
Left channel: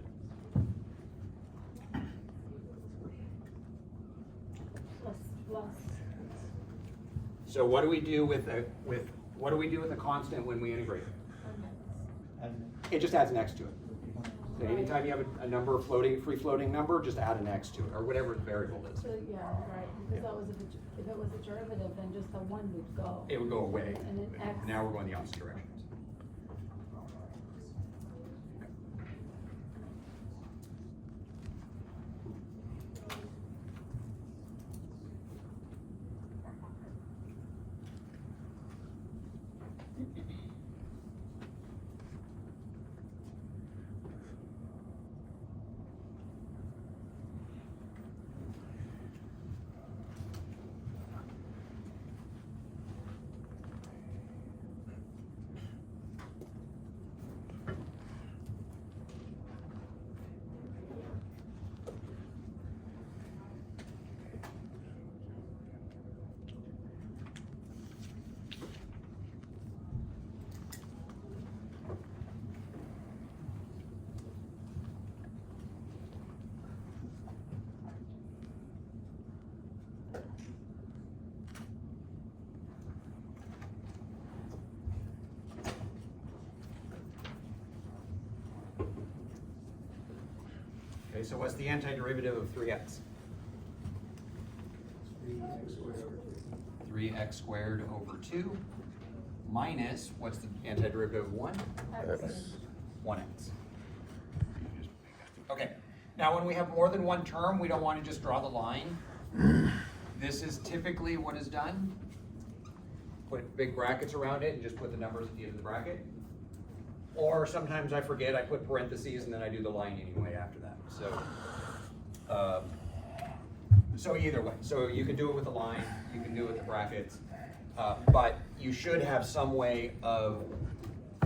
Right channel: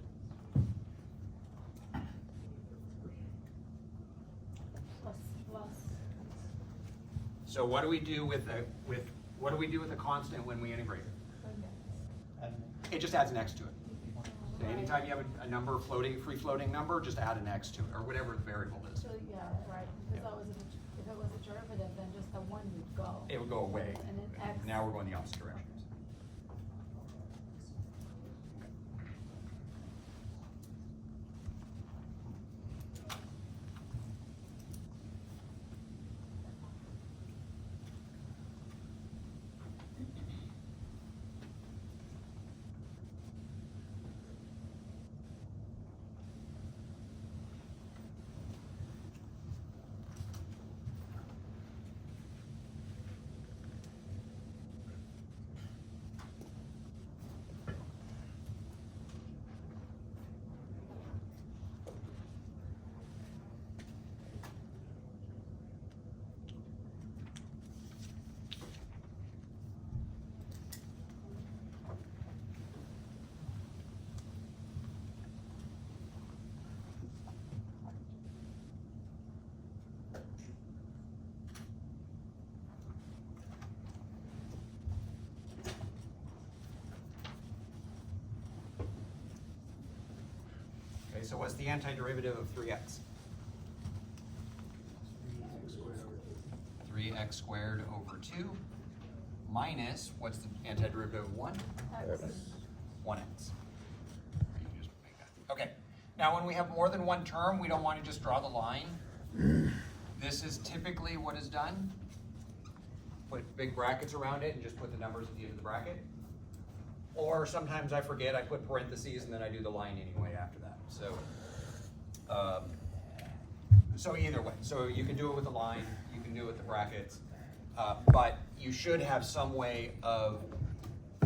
Plus. So what do we do with the constant when we integrate? It just adds an x to it. So anytime you have a number free floating number, just add an x to it, or whatever the variable is. So, yeah, right, because that was, if it was a derivative, then just the 1 would go. It would go away. And then x. Now we're going the opposite direction. Okay, so what's the antiderivative of 3x? 3x squared over 2 minus, what's the antiderivative of 1? 1x. Okay, now when we have more than one term, we don't want to just draw the line. This is typically what is done. Put big brackets around it and just put the numbers at the end of the bracket. Or sometimes I forget, I put parentheses and then I do the line anyway after that. So either way, so you can do it with the line, you can do it with the brackets, but you should have some way of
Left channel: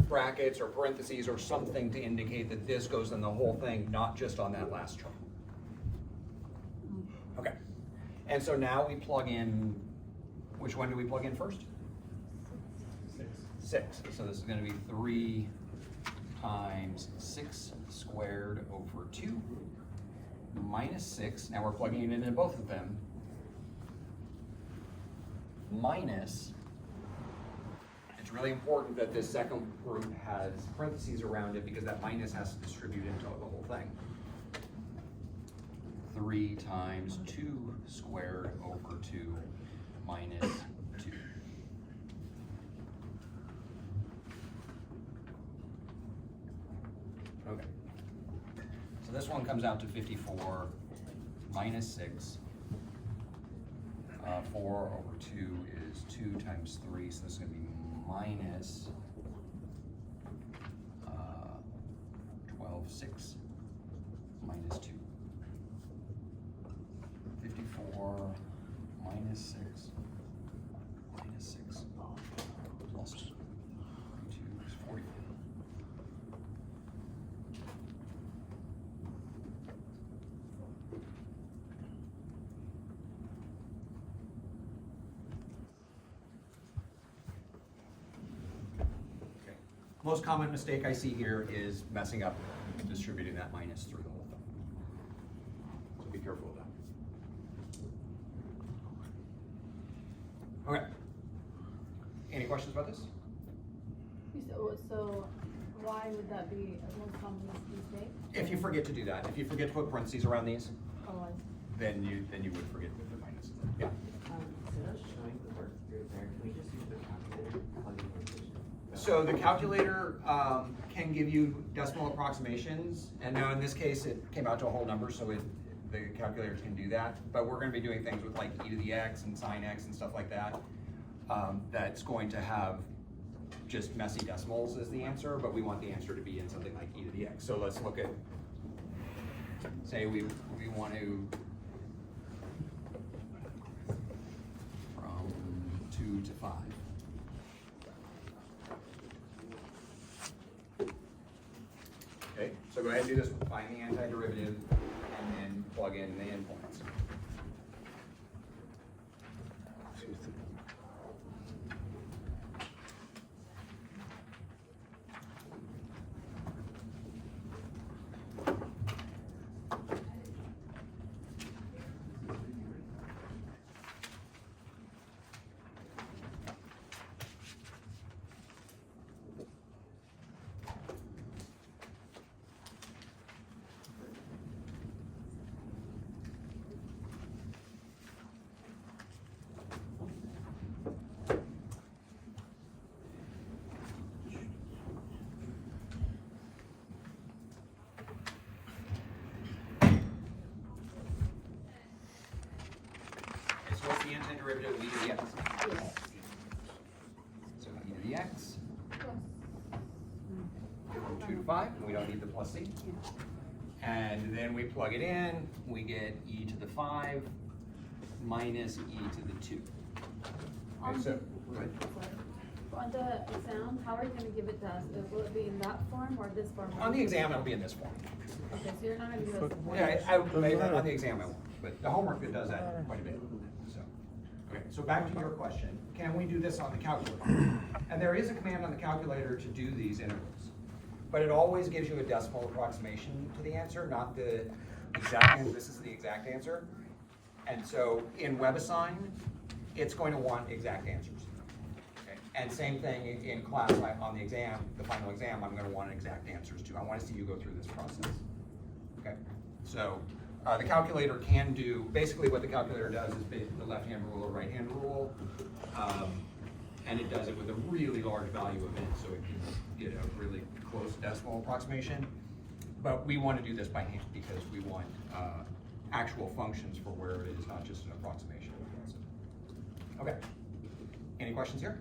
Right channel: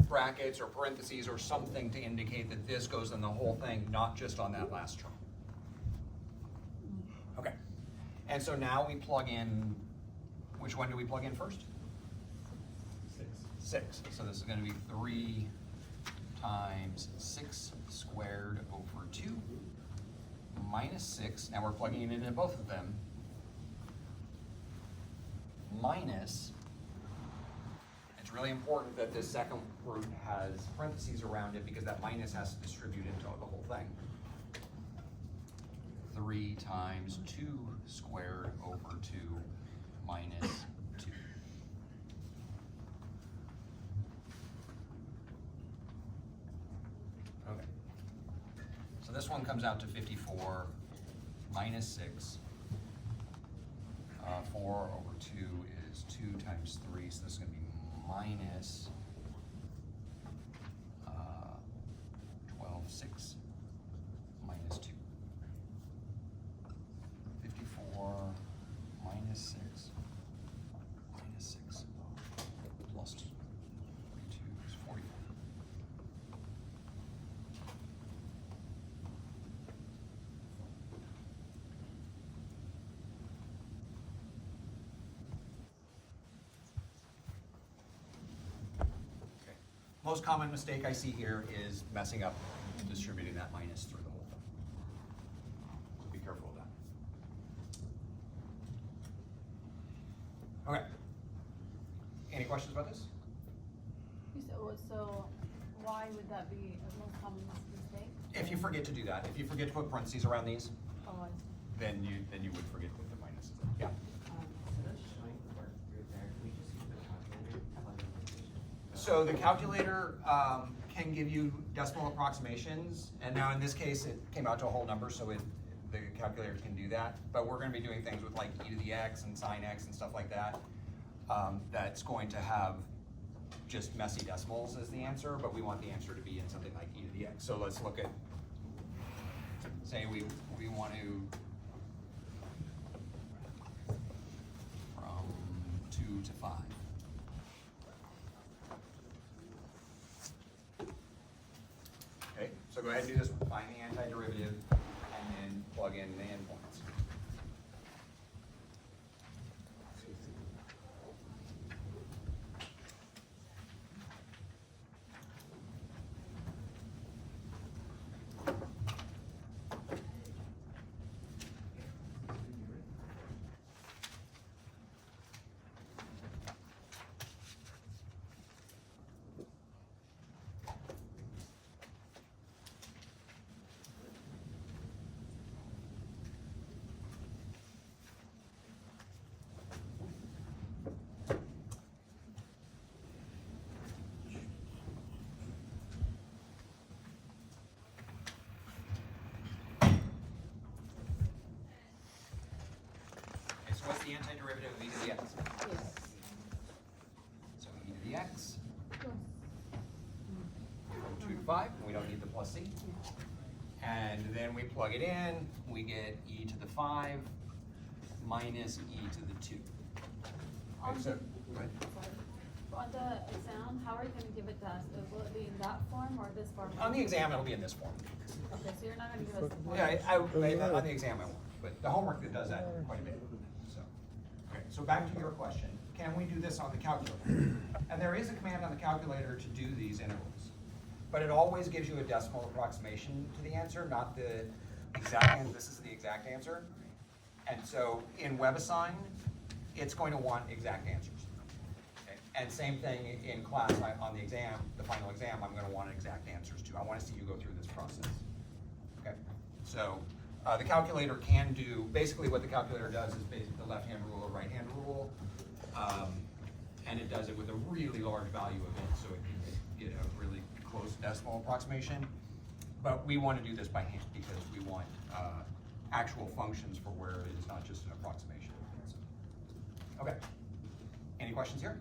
brackets or parentheses or something to indicate that this goes in the whole thing, not just on that last term. Okay, and so now we plug in, which one do we plug in first? 6. So this is going to be 3 times 6 squared over 2 minus 6. Now we're plugging it into both of them. Minus, it's really important that this second group has parentheses around it because that minus has to distribute into the whole thing. 3 times 2 squared over 2 minus 2. Okay. So this one comes out to 54 minus 6. 4 over 2 is 2 times 3, so this is going to be minus 12, 6 minus 2. 54 minus 6 minus 6 plus 2 is 44. most common mistake I see here is messing up distributing that minus through the whole thing. So be careful with that. Okay. Any questions about this? You said, well, so why would that be a most common mistake? If you forget to do that, if you forget to put parentheses around these, Oh, I see. then you would forget to put the minuses in. Yeah. Instead of showing the work through there, can we just use the calculator to plug in location? So the calculator can give you decimal approximations, and now in this case, it came out to a whole number, so the calculator can do that. But we're gonna be doing things with like e to the x and sine x and stuff like that. That's going to have just messy decimals as the answer, but we want the answer to be in something like e to the x. So let's look at, say we want to, from 2 to 5. Okay, so go ahead and do this one. Find the antiderivative and then plug in the endpoints. So what's the antiderivative of e to the x? Yes. So e to the x from 2 to 5, we don't need the plus c. And then we plug it in, we get e to the 5 minus e to the 2. Okay, so, go ahead. On the exam, how are you gonna give it to us? Will it be in that form or this form? On the exam, it'll be in this form. Okay, so you're not gonna give us the form? Yeah, on the exam I won't, but the homework that does that quite a bit. So, okay, so back to your question, can we do this on the calculator? And there is a command on the calculator to do these integrals, but it always gives you a decimal approximation to the answer, not the exact answer. This is the exact answer. And so in WebAssign, it's going to want exact answers. Okay? And same thing in class, like on the exam, the final exam, I'm going to want exact answers too. I want to see you go through this process. Okay, so the calculator can do, basically what the calculator does is basically the left-hand rule or right-hand rule, and it does it with a really large value of it, so it can get a really close decimal approximation. But we want to do this by hand because we want actual functions for where it is not just an approximation. Okay, any questions here?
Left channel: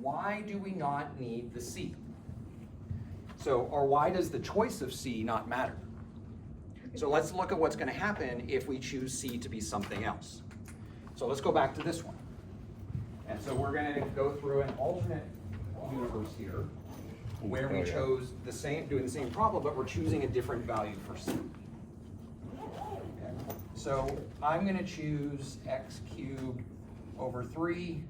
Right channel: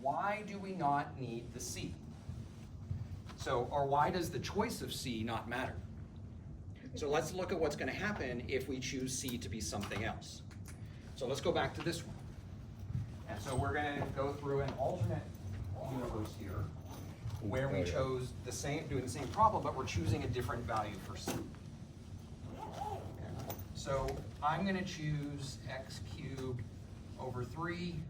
Why do we not need the C? So, or why does the choice of C not matter? So let's look at what's going to happen if we choose C to be something else. So let's go back to this one. And so we're going to go through an alternate universe here where we chose the same, doing the same problem, but we're choosing a different value for C. Okay. So I'm going to choose x cubed over 3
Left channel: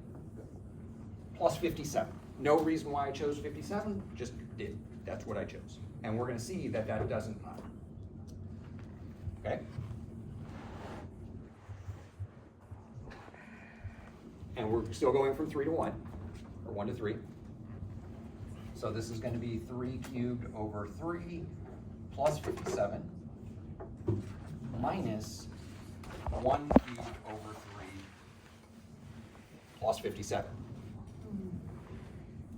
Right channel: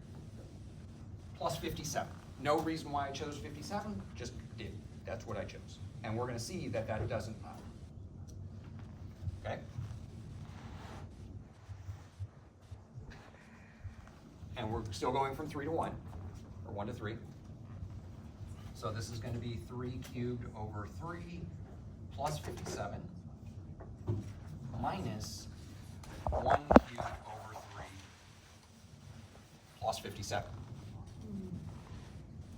plus 57. No reason why I chose 57, just did. That's what I chose. And we're going to see that that doesn't matter. Okay? And we're still going from 3 to 1, or 1 to 3. So this is going to be 3 cubed over 3 plus 57 minus 1 cubed over 3 plus 57.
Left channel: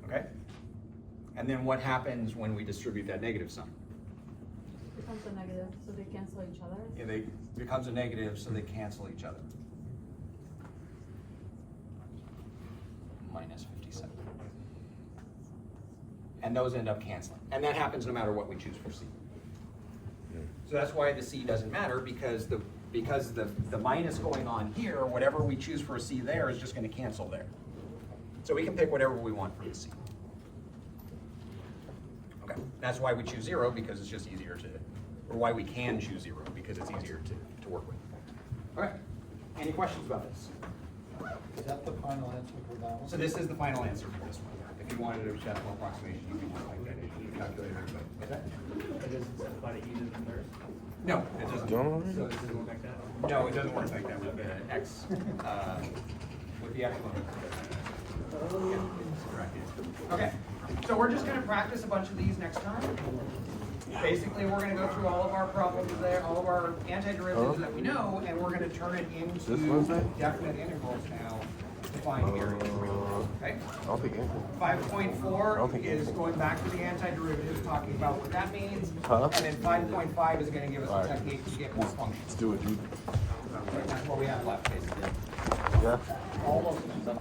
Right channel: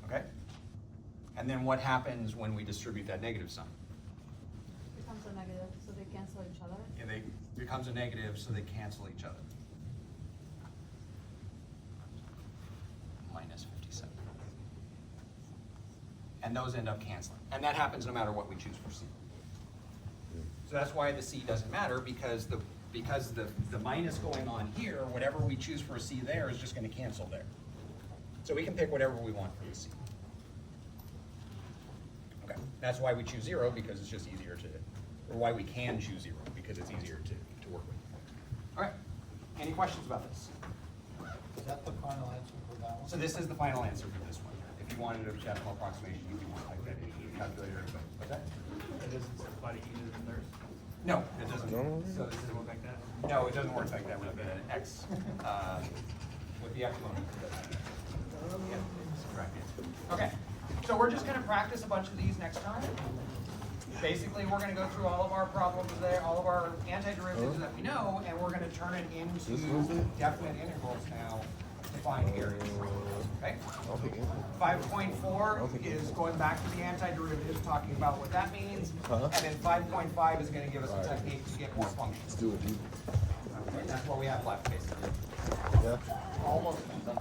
Okay? And then what happens when we distribute that negative sign? It becomes a negative, so they cancel each other? Yeah, they becomes a negative, so they cancel each other. Minus 57. And those end up canceling. And that happens no matter what we choose for C. So that's why the C doesn't matter, because the minus going on here, whatever we choose for a C there is just going to cancel there. So we can pick whatever we want for the C. Okay, that's why we choose 0, because it's just easier to, or why we can choose 0, because it's easier to work with. All right, any questions about this? Is that the final answer for that one? So this is the final answer for this one. If you wanted a decimal approximation, you could just like that in the calculator. What's that? It doesn't apply to even and thirds? No, it doesn't. So it doesn't work like that? No, it doesn't work like that with the X, with the X. Okay, so we're just gonna practice a bunch of these next time. Basically, we're gonna go through all of our problems there, all of our antiderivatives that we know, and we're gonna turn it into definite integrals now to find areas. Okay? I'll take it. 5.4 is going back to the antiderivatives, talking about what that means. Huh? And then 5.5 is gonna give us a technique to get more functions. Let's do it, dude. That's what we have left, basically. Yeah. All of them.